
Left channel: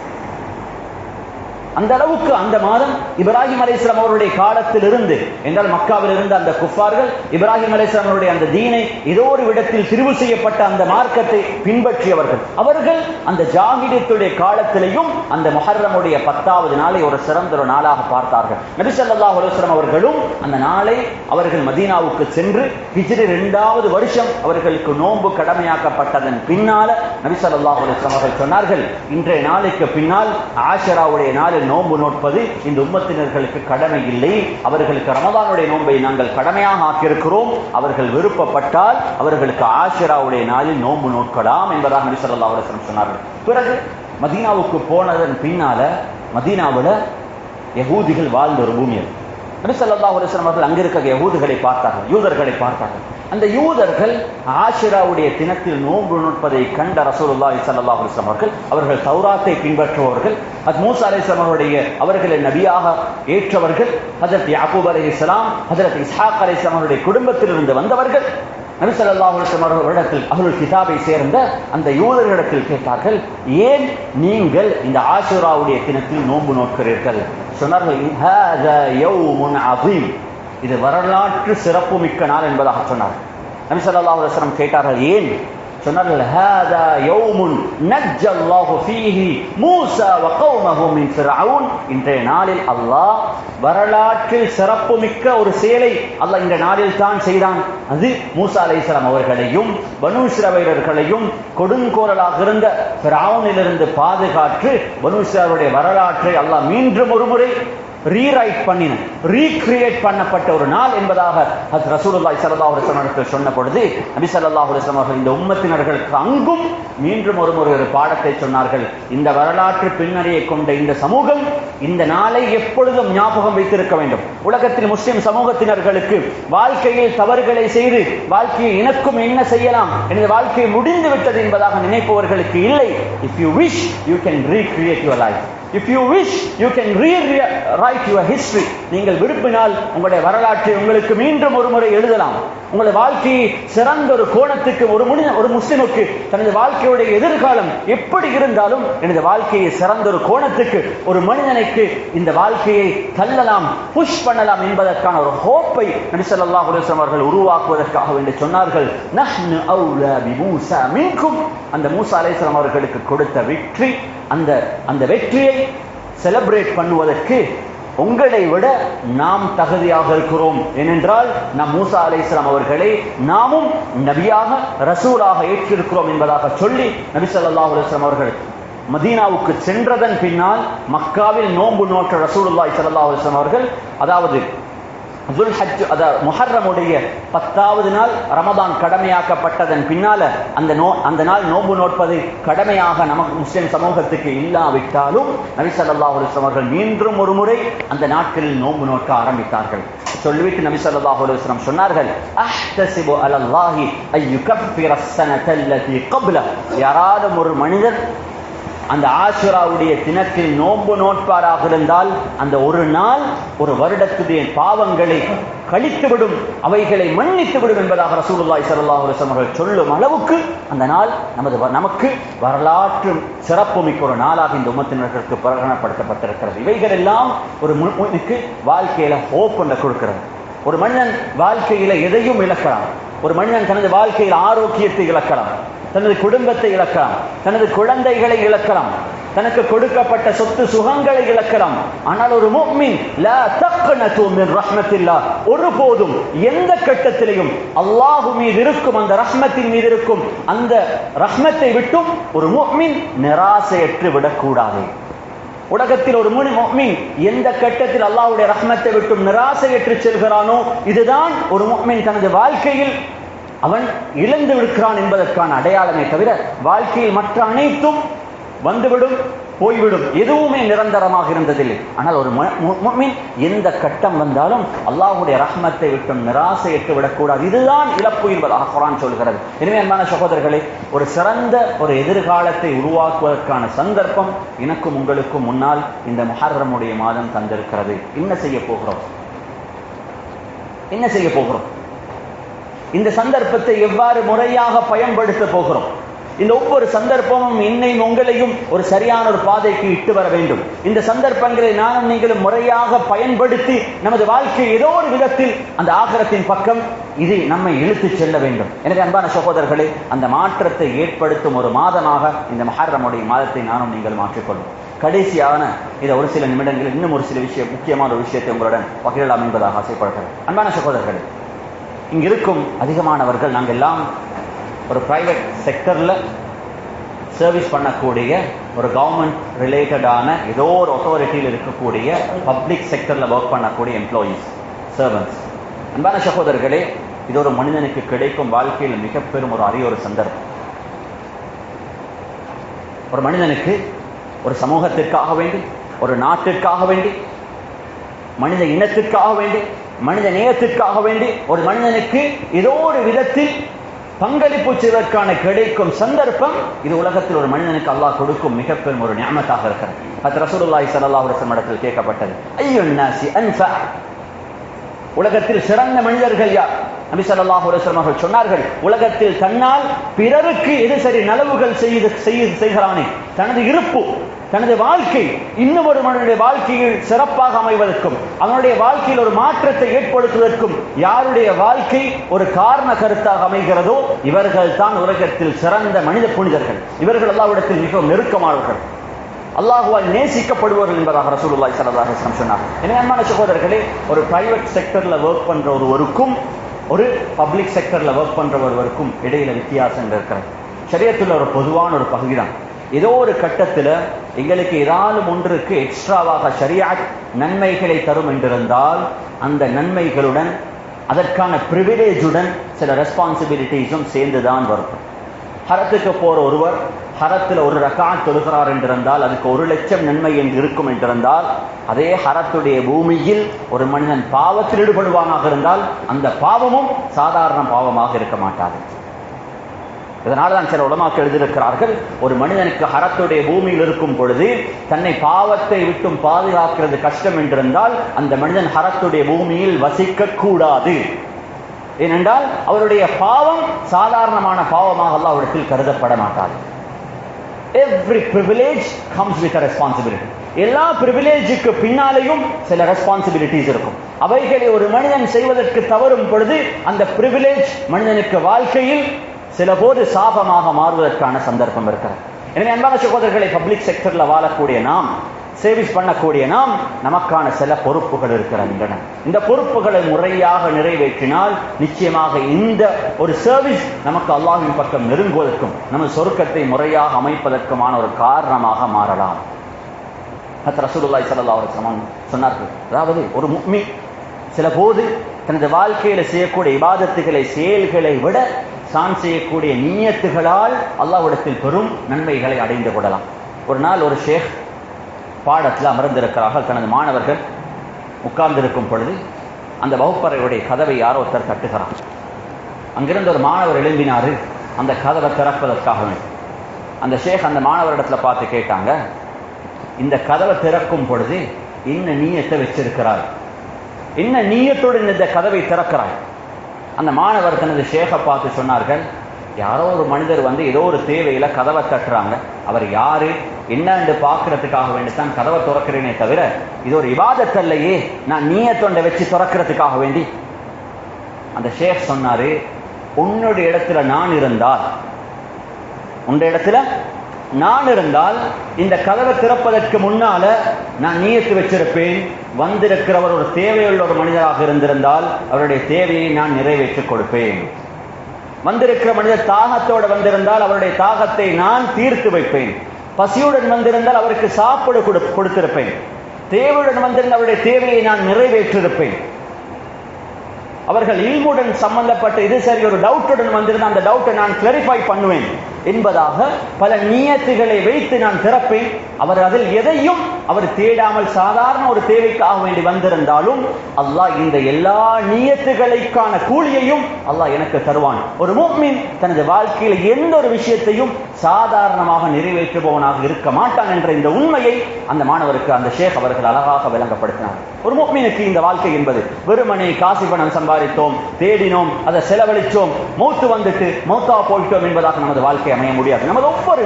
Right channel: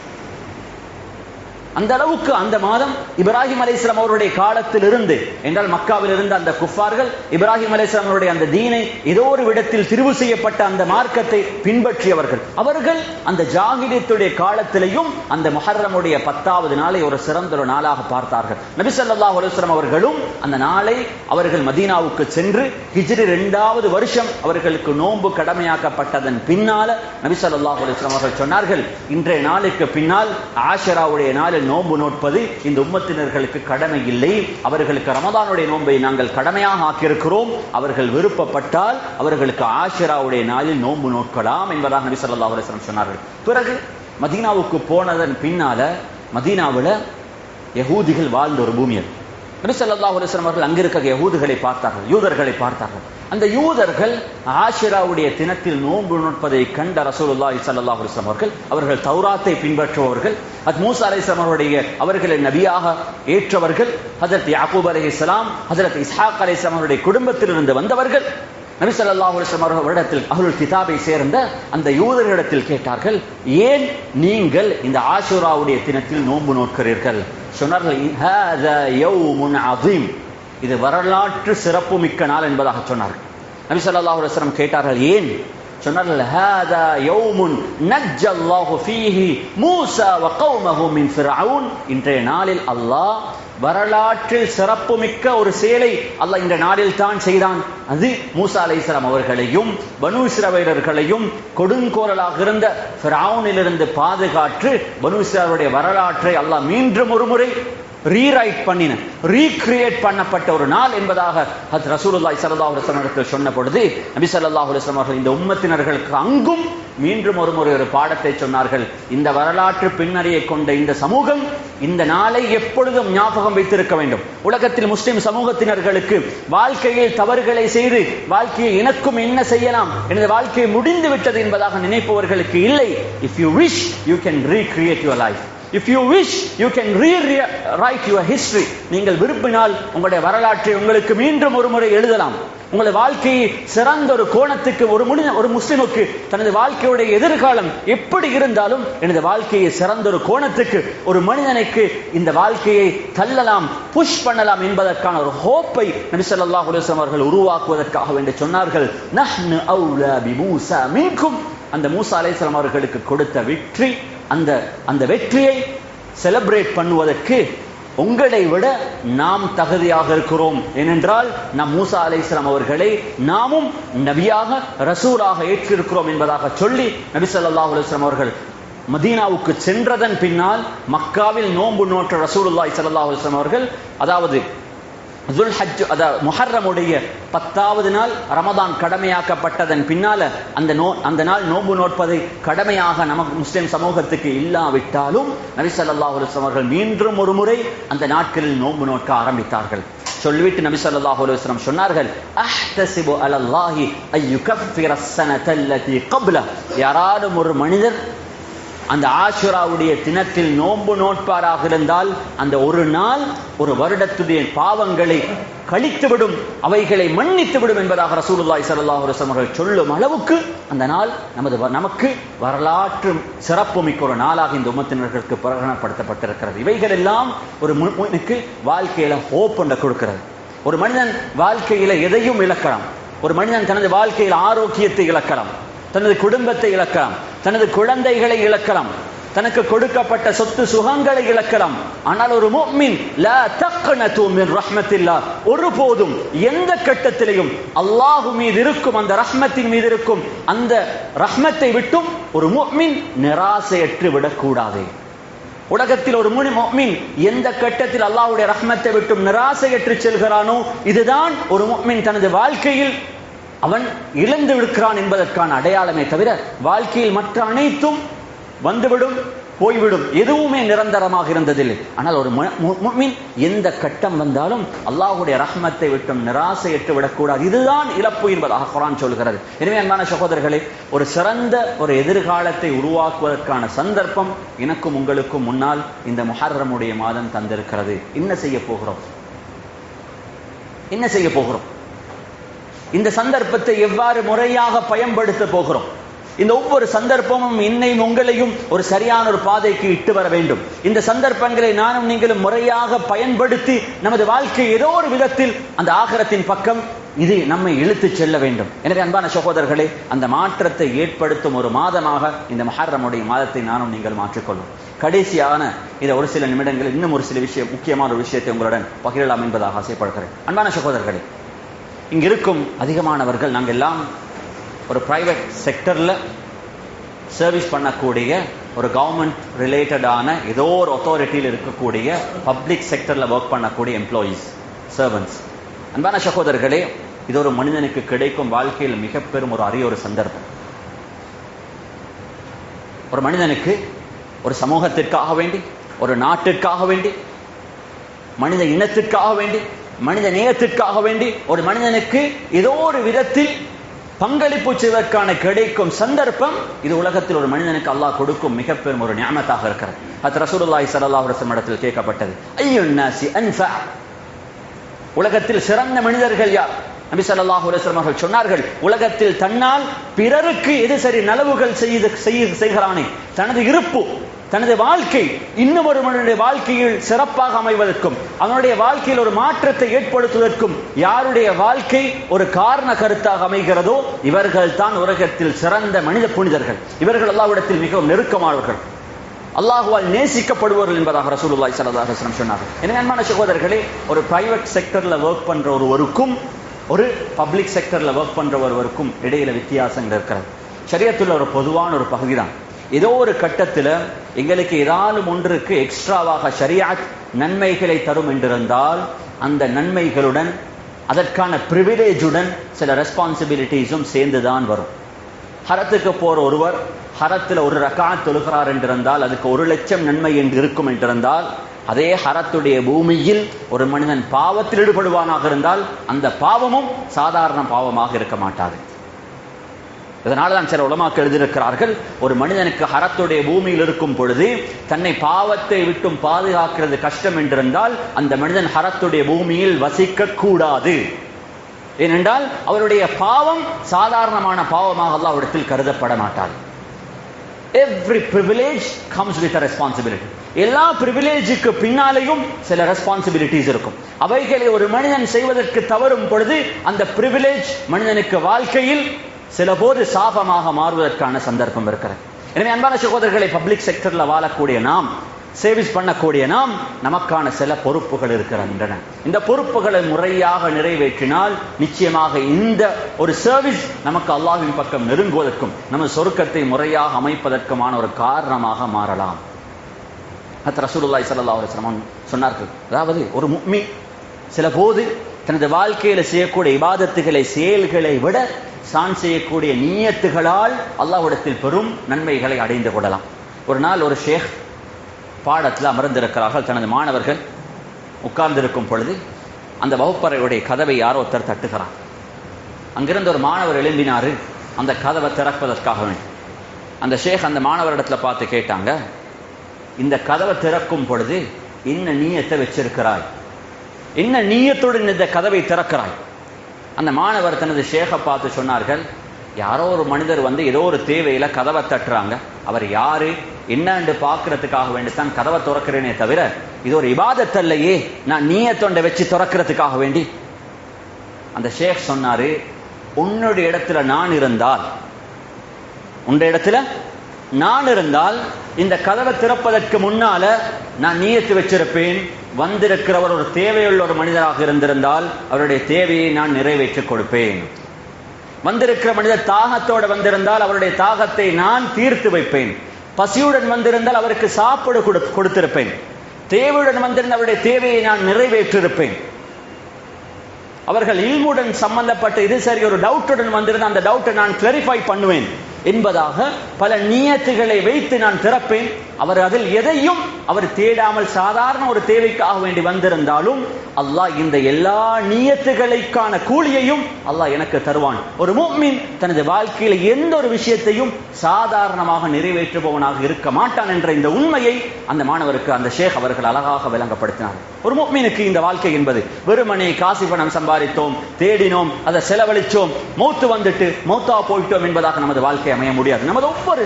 அந்த அளவுக்கு அந்த மாதம் இப்ராஹிம் அலைஹிஸ்ஸலாம் அவருடைய காலத்தில் இருந்து, என்றால் மக்காவில் இருந்த அந்த குஃபார்கள் இப்ராஹிம் அலைஹிஸ்ஸலாம் அவருடைய அந்த தீனை ஏதோ ஒரு இடத்தில் திரிவு செய்யப்பட்ட அந்த மார்க்கத்தை பின்பற்றியவர்கள். அவர்கள் அந்த ஜாஹிலியத்துடைய காலத்திலேயும் அந்த முஹர்ரமுடைய 10வது நாளை ஒரு சிறந்த ஒரு நாளாக பார்த்தார்கள். நபி ஸல்லல்லாஹு அலைஹி வஸல்லம் அவர்களும் அந்த நாளை அவர்கள் மதீனாவுக்கு சென்று ஹிஜ்ரி 2வது வருஷம் அவர்களுக்கு நோன்பு கடமையாக்கப்பட்டதன் பின்னால நபி ஸல்லல்லாஹு அலைஹி வஸல்லம் அவர்கள் சொன்னார்கள், இன்றைய நாளைக்கு பின்னால் ஆஷுராவுடைய நாளில் நோன்பு நோட்பது இந்த உம்மத்தினர்களுக்கு கடமை இல்லை. அவர்களுக்கு ரமதானுடைய நோன்பை நாங்கள் கடமையாக ஆக்கியிருக்கிறோம். அவர்கள் விருப்பப்பட்டால் அவர்களுக்கு ஆஷுராவுடைய நாளில் நோன்பு நோக்கலாம் என்பதாக நபி ஸல்லல்லாஹு அலைஹி வஸல்லம் சொன்னார்கள். பிறகு மதீனாவுக்கு போனதன் பின்னால மதீனாவில் யகூதிகள் வாழ்ந்த ஒரு பூமி அது. நபி ஸல்லல்லாஹு அலைஹி வஸல்லம் அவர்கள் அங்கிருக்கிற யூதர்களை பார்த்தார்கள். அந்த யூதர்கள் ஆஷுராவுடைய தினத்தில் நோன்பு நோட்பதை கண்ட ரசூலுல்லாஹி ஸல்லல்லாஹு அலைஹி வஸல்லம் அவர்கள் தௌராத்தை பின்பற்றுபவர்கள், மூசா அலைஹிஸ்ஸலாம் அவர்களை நபியாக ஏற்றவர்கள், ஹஜ்ரத் யாக்கூப் அலைஹிஸ்ஸலாம், ஹஜ்ரத் இஸ்ஹாக் அலைஹிஸ்ஸலாம் அவருடைய குடும்பத்திலிருந்து வந்தவர்கள். நபி ஸல்லல்லாஹு அலைஹி வஸல்லம் அவர்களிடத்தில் அஹ்லுல் கிதாபை சேர்ந்த அந்த யூதர்களிடத்தில் கேட்டார்கள், ஏன் நீங்கள் இந்த ஆஷுராவுடைய தினத்தில் நோன்பு நோட்கிறீர்கள்? சொன்னார்கள், ஹாதா யௌமுன் அதீம், இது வரலாற்று சிறப்பு மிக்க நாள் என்பதாக சொன்னார். நபி ஸல்லல்லாஹு அலைஹி வஸல்லம் கேட்டார்கள், ஏன்? சொன்னார்கள், ஹாதா யௌமுன் நஜ்ஜல்லாஹு ஃபீஹி மூஸா வ கௌமஹு மின் ஃபிர்அவுன், இன்றைய நாளில் அல்லாஹ் வரலாற்றில் சிறப்பு மிக்க ஒரு செயலை அல்லாஹ் இந்த நாளில் தான் செய்தான். அது மூசா அலைஹிஸ்ஸலாம் அவர்களையும் பனு இஸ்ரவேலர்களையும் கொடுங்கோரலாக இருந்த ஃபிர்அவுனிலிருந்து பாதுகாத்து பனு இஸ்ரவேலுடைய வரலாற்றை அல்லாஹ் மீண்டும் ஒரு முறை ரீரைட் பண்ணின, ரீக்ரியேட் பண்ணப்பட்ட ஒரு நாள் என்பதாக ஹஜ்ரத் ரசூலுல்லாஹி ஸல்லல்லாஹு அலைஹி வஸல்லம் சொன்ன பொழுது நபி ஸல்லல்லாஹு அலைஹி வஸல்லம் அவர்கள் இந்த உம்மத்தினர்களுக்கு அங்கும் மீண்டும் ஒரு பாடத்தை சொன்னார்கள். இந்த வரலாற்று பின்னணியை கொண்ட இந்த சமூகம் இந்த நாளை எப்பொழுதும் ஞாபகம் வைத்திருக்க வேண்டும். உலகத்தில் முஸ்லிம் சமூகத்தினர்களுக்கு வாழ்க்கையில் தவறுகளை செய்து வாழ்க்கையை எனக்கும் என்ன செய்யலாம், எனது வாழ்க்கை முடிந்து விட்டது என்பதாக நினைப்பவர்களுக்கு இல்லை. If you wish, you can recreate your life. If you wish, you can rewrite your history. நீங்கள் விரும்பினால் உங்களுடைய வரலாற்றை உங்களுக்கு மீண்டும் ஒரு முறை எழுதலாம். உங்களுடைய வாழ்க்கையை சிறந்த ஒரு கோணத்துக்கு ஒரு முஸ்லிமுக்கு தனது வாழ்க்கையுடைய எதிர்காலம் எப்படி இருந்தாலும் எனது வாழ்க்கையை சிறந்த ஒரு கோணத்துக்கு ஒரு மனிதனுக்கு இந்த வாழ்க்கையை தள்ளலாம், புஷ் பண்ணலாம் என்பதற்கான ஒரு ஹோப்பை நபி ஸல்லல்லாஹு அலைஹி வஸல்லம் அவர்கள் உருவாக்குவதற்காக வேண்டி சொன்னார்கள். நஹ்னு அவுலா பி மூஸா மின்கும். அந்த மூஸா அலைஹிஸ்ஸலாம் அவர்களுக்கு கொடுத்த வெற்றி, அந்த வெற்றியை செலிப்ரேட் பண்ணுவதற்கு உங்களை விட நாம் தகுதியாக இருக்கிறோம். ஏனென்றால் நாம் மூஸா அலைஹிஸ்ஸலாம் அவர்களை நாமும் நபியாக ரசூலாக ஏற்றிருக்கிறோம் என்பதாக சொல்லி நபி ஸல்லல்லாஹு அலைஹி வஸல்லம் அவர்கள் மதீனாவுக்கு சென்றதன் பின்னால் மக்காவில் நோன்பு நோற்ற ரசூலுல்லாஹி ஸல்லல்லாஹு அலைஹி வஸல்லம் அவர்கள், அதாவது முஹர்ரமுடைய 10வது நாள் ரமதான் கடமையாக்கப்பட்டதன் பின்னால அந்த நாள் நோன்பு நோட்பதை கடமையாக நமக்கு முஸ்லிம் சமூகத்துக்கு இல்லாவிட்டாலும் நபி ஸல்லல்லாஹு அலைஹி வஸல்லம் அவர்கள் மீண்டும் ஒரு முறை அந்த நாட்களில் நோன்பு நோக்க ஆரம்பித்தார்கள். சொல்லிவிட்டு நபி ஸல்லல்லாஹு அலைஹி வஸல்லம் சொன்னார்கள், அஹ்தஸிபு அலல்லாஹி அய்யுகஃபிர ஸனத்தல்லதி க்பல. யாராலும் ஒரு மனிதர் அந்த ஆஷுராவுடைய தினத்தில் நோன்பு நோட்பாராக இருந்தால் அந்த ஒரு நாள் ஒரு வருடத்துடைய பாவங்களை கழித்துவிடும், அவைகளை மன்னித்துவிடும் என்பதாக ரசூலுல்லாஹி ஸல்லல்லாஹு அலைஹி வஸல்லம் அவர்கள் சொல்லும் அளவுக்கு அந்த நாள் நமக்கு வரலாற்று சிறப்புமிக்க ஒரு நாளாக இந்த உம்மத்தினர்களுக்கு பிரகடனப்படுத்தப்பட்டிருக்கிறது. இவைகள் எல்லாம் ஒரு முஸ்லிமுக்கு வாழ்க்கையில ஹோப் ஒன்றை கொடுக்கிறது. ஒரு மனிதன் வாழ்க்கையில எதையும் இழக்கலாம். ஒரு மனிதன் தனது வாழ்க்கையில் ஆரோக்கியத்தை இழக்கலாம், தனது குடும்பத்தை இழக்கலாம், தனது குழந்தைகளை இழக்கலாம், தனக்கு கொடுக்கப்பட்ட சொத்து சுகங்களை இழக்கலாம். ஆனால் ஒரு முஃமின் லா தக்னது மின் ரஹ்மத்தில்லாஹ், ஒருபோதும் எந்த கட்டத்திலையும் அல்லாஹ் மீது இருக்கும் அந்த ரஹ்மத்தின் மீது இருக்கும் அந்த ரஹ்மத்தை விட்டும் ஒரு முஃமின் நிராசையற்று விடக்கூடாது. உலகத்தில் ஒரு முஃமின் எந்த கட்டத்தில் அல்லாஹ்வுடைய ரஹ்மத்தை விட்டும் நிராசையற்று செல்கிறானோ இதுதான் ஒரு முஃமின் தனது வாழ்க்கையில் அவன் இழந்து விடுகிறான் என்பதற்கான அடையாளமே தவிர வாழ்க்கையில் மற்ற அனைத்தும் வந்துவிடும் போய்விடும், எதுவுமே நிரந்தரமாக இருந்ததில்லை. ஆனால் ஒரு முஃமின் எந்த கட்டம் வந்தாலும் அல்லாஹ்வுடைய ரஹ்மத்தை விட்டும் நிராசையற்று விடக்கூடாது. இதுதான் இழப்பு என்பதாக குர்ஆன் சொல்கிறது. எனவே அன்பான சகோதரர்களே, ஒரு சிறந்த ஒரு எதிர்காலத்தை உருவாக்குவதற்கான சந்தர்ப்பம் எனக்கும் உங்களுக்கும் முன்னால் இந்த முஹர்ரமுடைய மாதம் தந்திருக்கிறது. என்ன செய்ய போகிறோம்? இந்த சந்தர்ப்பத்தை எவ்வாறு முறையாக பயன்படுத்த போகிறோம்? இந்த ஒவ்வொரு சந்தர்ப்பமும் என்னையும் உங்களையும் ஒரு சரியான ஒரு பாதைக்கு இட்டு வர வேண்டும். இந்த சந்தர்ப்பங்களை நானும் நீங்களும் முறையாக பயன்படுத்தி நமது வாழ்க்கை ஏதோ ஒரு விதத்தில் அந்த ஆகிரத்தின் பக்கம் இது நம்மை இழுத்து செல்ல வேண்டும். எனவே அன்பான சகோதரர்களே, அந்த மாற்றத்தை ஏற்படுத்தும் ஒரு மாதமாக இந்த முஹர்ரமுடைய மாதத்தை நானும் நீங்கள் மாற்றிக்கொள்வோம். கடைசியான இதை ஒரு சில நிமிடங்களில் இன்னும் ஒரு சில முக்கியமான ஒரு விஷயத்தை உங்களுடன் பகிரலாம் என்பதாக ஆசைப்படுகிறேன். அன்பான சகோதரர்களே, இங்க இருக்கும் அதிகமானவர்கள் நாங்கள் எல்லாம் ஒரு பிரைவேட் செக்டர்ல சர்வீஸ் பண்ணக்கூடிய ஒரு கவர்மெண்ட் ரிலேட்டடான ஏதோ ஒரு அத்தாரிட்டியில் இருக்கக்கூடிய பப்ளிக் செக்டர்ல ஒர்க் பண்ணக்கூடிய எம்ப்ளாயீஸ், சர்வன்ட்ஸ். அன்பான சகோதரர்களே, இது ஒரு மனிதனுக்கு கிடைக்கும் வாழ்க்கையில் மிக பெரும் ஒரு அரிய ஒரு சந்தர்ப்பம். ஒரு மனிதனுக்கு ஒரு சமூகத்திற்காக வேண்டி, ஒரு நாட்டிற்காக வேண்டி, மனித இனத்திற்காக வேண்டி, மனித நேயத்திற்காக வேண்டி ஒரு மனிதனுக்கு ஏதோ ஒரு விதத்தில் பங்களிப்பு செய்வதற்கான கிடைக்கும் சந்தர்ப்பம் இது உலகத்தில் ஒரு மனிதனுக்கு அல்லாஹ் கொடுக்கும் மிக பெரும் ஒரு நிஅமத்தாக இருக்கிறது. அது ரசூலுல்லாஹி ஸல்லல்லாஹு அலைஹி வஸல்லம் இடத்தில் கேட்கப்பட்டது, அய்யுன் நாஸி அன்ஃபா, உலகத்தில் சிறந்த மனிதர்கள் யார்? நபி ஸல்லல்லாஹு அலைஹி வஸல்லம் அவர்கள் சொன்னார்கள், உலகத்தில் தன்னால் பிறருக்கு எது சரி நலவுகள் செய்கிறானே, தனது இருப்பு, தனது வாழ்க்கை இன்னும் ஒரு மனிதனுடைய வாழ்க்கையில் சிறப்பாக அமைவதற்கும் அவனுடைய வாழ்க்கையில் ஒரு மாற்றத்தை ஏற்படுத்துவதற்கும் யாருடைய வாழ்க்கை ஒரு காரண கருத்தாக அமைகிறதோ இவர்கள் தான் உலகத்தில் சிறந்த மனித புனிதர்கள். இவர்கள் அல்லாஹ்விடத்தில் மிகவும் நெருக்கமானவர்கள், அல்லாஹ்வால் நேசிக்கப்படுவார்கள் என்பதாக ரசூலுல்லாஹி ஸல்லல்லாஹு அலைஹி வஸல்லம் சொன்னார். எனவே அன்பான சகோதரர்களே, ஒரு பிரைவேட் செக்டர்ல ஒர்க் பண்ற ஒருவருக்கும் ஒரு பப்ளிக் செக்டர்ல ஒர்க் பண்ற ஒருவருக்கும் இடையில வித்தியாசங்கள் இருக்கிறது. ஷரியத்துல ஒரு பொதுவான ஒரு பகுதி தான். ஏதோ ஒரு கட்டத்தில் எங்களுக்கு ஏதாவது ஒன்றுக்கு எக்ஸ்ட்ராவாக ஷரியாத் நன்மைகளை தரும் என்றிருந்தால் அந்த நன்மைகளுடன் அதற்கான பிரிவிலேஜுடன் சில ரெஸ்பான்சிபிலிட்டிஸும் சேர்ந்துதான் வரும். ஹரத்துக்கு போற ஒருவர் ஹரத்தில் ஒரு ரக்காத் தொழுகிறார் என்றிருந்தால் அதுக்கு 1,00,000 நன்மை என்று இருக்கும் என்றிருந்தால், அதே ஹரத்துடைய பூமியில் ஒரு மனிதன் பாவத்தில் ஈடுபடுவானாக இருந்தால் அந்த பாவமும் சாதாரண பாவமாக இருக்க மாட்டாது. இதனால தான் சில உலமாக்கள் எழுதியிருக்கிறார்கள், ஒரு மனிதனுக்கு ஹரத்துடைய பூமியில் இருக்கும் பொழுது தன்னை பாவத்தை விட்டும் பாதுகாக்கிறது கஷ்டம் என்றிருந்தால் அந்த மனிதன் ஹரத்துடைய பூமியில் வசிக்க கூடாது. ஏனென்றால் அவருடைய பாவம் சாதாரணமான பாவமாக அல்லாஹ்விடத்தில் கருதப்பட மாட்டாது. Every privilege comes with a responsibility. எல்லா பிரிவிலேஜுக்கு பின்னாலேயும் சில ரெஸ்பான்சிபிலிட்டிஸ் இருக்கும். அவைகளை ஒரு மனிதன் செய்வதற்கு தவறும் பொழுது அந்த பிரிவிலேஜ் மனிதனுக்கு வாழ்க்கையில் சில போது சாபமாக மாறுவதற்கான சந்தர்ப்பம் இருக்கிறது. எனவே அன்பான சகோதரர்களை, பப்ளிக் செக்டர்ல வாழக்கூடிய நாம், சேவிஸ் பண்ணக்கூடிய நாம், நமக்கான சில பொறுப்புகள் இருக்கின்றன. இந்த பொறுப்புகளை முறையாக நிறைவேற்றினால் நிச்சயமாக இந்த ஒரு சர்வீஸ் நமக்கு அல்லாஹ்வின் பக்கம் நெருங்குவதற்கும் நம்ம சொர்க்கத்தை முறையாக அமைப்பதற்குமான ஒரு காரணமாக மாறலாம். ரசூலுல்லாஹி ஸல்லல்லாஹு அலைஹி வஸல்லம் சொன்னார்கள், அதாவது ஒரு முஃமின் சில போது தனது வாழ்க்கையில செய்யக்கூடிய இபாதத்துகளை செயல்களை விட தான் செய்யக்கூடிய நியத்துகளால் அல்லாஹ்விடத்தில் பெரும் நன்மைகளை அடைந்து கொள்ளலாம். ஒரு நாள் ஒரு ஷேக் பாடத்தில் அமர்ந்திருக்கிறார்கள். தனது மாணவர்கள் உட்கார்ந்திருக்கும் பொழுது அந்த வகுப்பறையுடைய கதவை யாரோ ஒருத்தர் தட்டுகிறார். அங்கிருந்து ஒரு மாணவர் எழும்பினாரு அந்த கதவை திறப்பதற்காக வேண்டும். அந்த ஷேக் அந்த மாணவரிடத்துல பார்த்து கேட்டாங்க, இந்த கதவை திறக்கும் பொழுது என்ன நீயத்தை வச்சிருக்கிறாய், என்ன நீயத்துடன் இந்த கதவை திறக்கிறாய்? அந்த மாணவர் தனது ஷேகை பார்த்து சொன்னார்கள், யாரோ ஒரு மனிதர் வந்து ஏதோ ஒரு தேவையில கதவை தட்டுறாங்க, அவர் யாரு என்னன்னு பார்க்கறதுக்காக வேண்டித்தான் கதவை திறக்கிறேனே தவிர இது ஒரு இபாதத் அல்லையே, நான் நீயத்தொண்டை வச்சு திறக்கிறதுக்காக வேண்டி. அந்த ஷேக் சொன்னாரு, உன்னுடைய இடத்துல நான் இருந்தால், உன்னுடைய இடத்துல நான் இருந்தால் இந்த கதவை திறப்பதற்கு முன்னால நான் நியத்து வச்சிருப்பேன், வந்திருக்கிறவர் ஒரு தேவையுள்ள ஒரு மனிதராக இருந்திருந்தால் அவருடைய தேவையை நான் நிறைவேற்றிக் கொடுப்பேன். வந்திருக்கிற மனிதர் தாகத்தோடு வந்திருந்தால் அவருடைய தாகத்தை நான் தீர்த்து வைப்பேன். பசியுடன் வந்திருந்தால் அவருக்கு சாப்பிட கொடுத்திருப்பேன். தேவையுடன் வந்திருந்த அவருடைய தேவையை நான் நிறைவேற்றிருப்பேன். அவர்கள் இல்முடன் சம்பந்தப்பட்ட இது சரி ஒரு டவுட்டுடன் வந்திருந்த அந்த டவுட்டை நான் கிளாரிஃபை பண்ணுவேன் என்பதாக பல நியத்துகளை வைத்து நான் திறப்பேன். அவர் அதில் எதையும் அவர் தேடாமல் சாதாரண ஒரு தேவைக்காக வேண்டி வந்திருந்தாலும் அல்லாஹ் இந்த எல்லா நியத்துகளுக்கான கூலியையும் அல்லாஹ் எனக்கு தருவான். ஒரு முஃமின் தனது வாழ்க்கையில் எந்த ஒரு விஷயத்தையும் சாதாரணமாக நிறைவேற்றுபவனாக இருக்க மாட்டான் என்ற இந்த உண்மையை அந்த மாணவருக்கு அந்த ஷேக் அவர்கள் அழகாக விளங்கப்படுத்தினார். ஒரு முஃமினுக்கு இந்த வாழ்க்கை என்பது வெறுமனே காசு பணம் சம்பாதித்தோம், தேடினோம், அதை செலவழித்தோம், மௌத்து வந்துட்டு மௌத்தா போயிட்டோம் என்பதாக நமது வாழ்க்கை அமைய முடியாது. நமது ஒவ்வொரு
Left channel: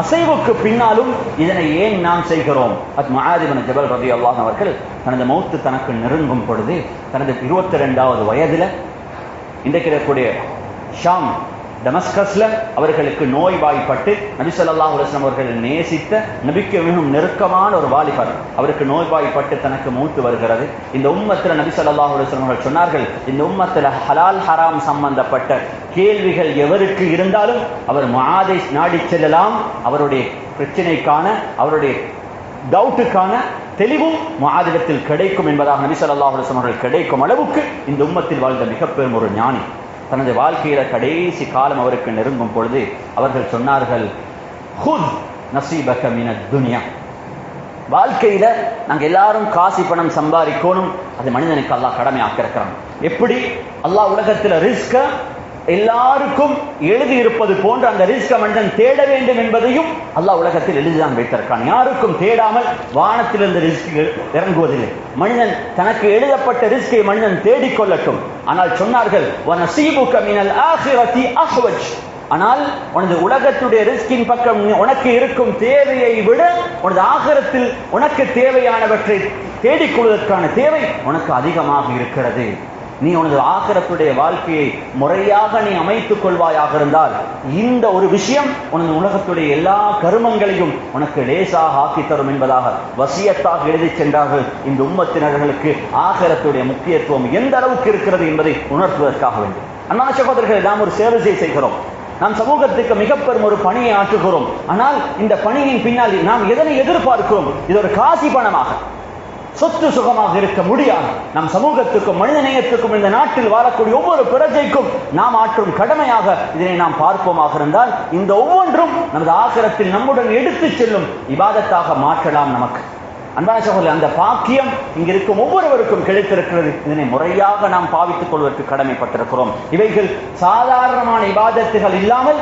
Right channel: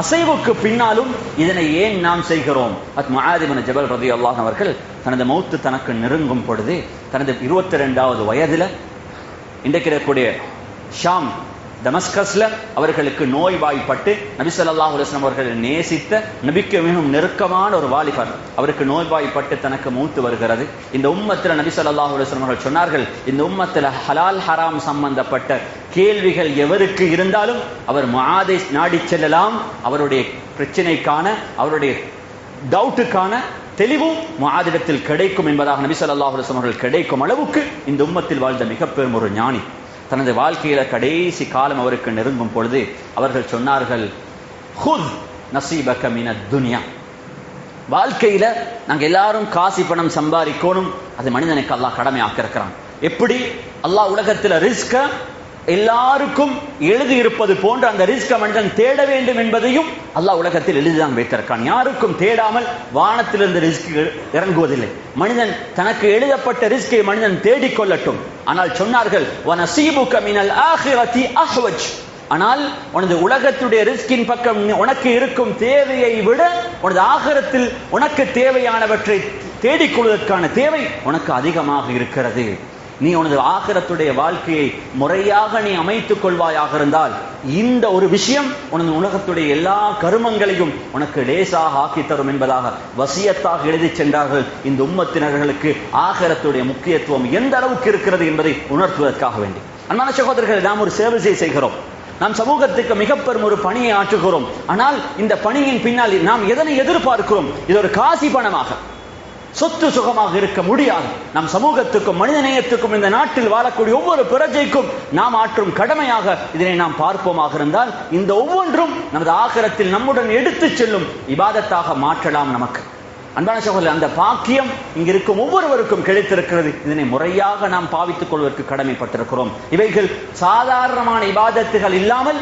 அசைவுக்கு பின்னாலும் இதனை ஏன் நாம் செய்கிறோம்? முஆத் இப்னு ஜபல் ரலியல்லாஹு அன்ஹு அவர்கள் தனது மௌத்து தனக்கு நெருங்கும் பொழுது தனது 22வது வயதில் இன்றைக்கு இருக்கக்கூடிய ஷாம் டமஸ்கஸ்ல அவர்களுக்கு நோய்வாய்ப்பட்டு நபி ஸல்லல்லாஹு அலைஹி வஸல்லம் அவர்கள் நேசித்த நபிக்கு மிகவும் நெருக்கமான ஒரு வாலிபர் அவருக்கு நோய்வாய்ப்பட்டு தனக்கு மௌத்து வருகிறது. இந்த உம்மத்தில் நபி ஸல்லல்லாஹு அலைஹி வஸல்லம் அவர்கள் சொன்னார்கள், இந்த உம்மத்தில் ஹலால் ஹராம் சம்பந்தப்பட்ட கேள்விகள் எவருக்கு இருந்தாலும் அவர் முஆதை நாடி செல்லலாம். அவருடைய பிரச்சனைக்கான அவருடைய டவுட்டுக்கான தெளிவும் முஆதிடத்தில் கிடைக்கும் என்பதாக நபி ஸல்லல்லாஹு அலைஹி வஸல்லம் அவர்கள் கிடைக்கும் அளவுக்கு இந்த உம்மத்தில் வாழ்ந்த மிக பெரும் ஒரு ஞானி. தனது வாழ்க்கையில கடைசி காலம் அவருக்கு நெருங்கும் பொழுது அவர்கள் சொன்னார்கள், ஹுத் நசீபக மினத் துன்யா. வாழ்க்கையில நாங்க எல்லாரும் காசி பணம் சம்பாதிக்கணும், அது மனிதனுக்கு அல்லாஹ் கடமை ஆக்கியிருக்கிறான். எப்படி அல்லாஹ் உலகத்துல ரிஸ்க எல்லாருக்கும் எழுதி இருப்பது போன்று அந்த ரிஸ்க மனிதன் தேட வேண்டும் என்பதையும் அல்லாஹ் உலகத்தில் எழுதிதான் வைத்திருக்கான். யாருக்கும் தேடாமல் வானத்திலிருந்து ரிஸ்க் இறங்குவதில்லை. மனிதன் தனக்கு எழுதப்பட்ட ரிஸ்கை மனிதன் தேடிக்கொள்ளட்டும். ஆனால் சொன்னார்கள், வனசீபுக மினல் ஆகிரதி அஹ்வஜ். ஆனால் உனது உலகத்துடைய ரிஸ்கின் பக்கம் உனக்கு இருக்கும் தேவையை விட உனது ஆகிரத்தில் உனக்கு தேவையானவற்றை தேடிக்கொள்வதற்கான தேவை உனக்கு அதிகமாக இருக்கிறது. நீ உனது ஆகிரத்துடைய வாழ்க்கையை முறையாக நீ அமைத்துக் கொள்வாயாக இருந்தால் இந்த ஒரு விஷயம் உனது உலகத்துடைய எல்லா கருமங்களையும் உனக்கு லேசாக ஆக்கி தரும் என்பதாக வசியத்தாக எழுதி சென்றார்கள். இந்த உம்மத்தினர்களுக்கு ஆகிரத்துடைய முக்கியத்துவம் எந்த அளவுக்கு இருக்கிறது என்பதை உணர்த்துவதற்காக வேண்டும். அன்பான சகோதரர்கள், நாம் ஒரு சேவை செய்கிறோம், நாம் சமூகத்துக்கு மிக பெரும் ஒரு பணியை ஆற்றுகிறோம். ஆனால் இந்த பணியின் பின்னால் நாம் எதனை எதிர்பார்க்கிறோம்? இது ஒரு காசி பணமாக, சொத்து சுகமாக இருக்க முடியாது. நம் சமூகத்துக்கும் மனிதநேயத்துக்கும் இந்த நாட்டில் வாழக்கூடிய ஒவ்வொரு பிரஜைக்கும் நாம் ஆற்றும் கடமையாக இதனை நாம் பார்ப்போமாக இருந்தால் இந்த ஒவ்வொன்றும் நமது ஆகிரத்தில் நம்முடன் எடுத்துச் செல்லும் இபாதத்தாக மாற்றலாம். நமக்கு அன்பான சகோதரர், அந்த பாக்கியம் இங்கிருக்கும் ஒவ்வொருவருக்கும் கிடைத்திருக்கிறது. இதனை முறையாக நாம் பாவித்துக் கொள்வதற்கு கடமைப்பட்டிருக்கிறோம். இவைகள் சாதாரணமான இபாதத்துகள் இல்லாமல்,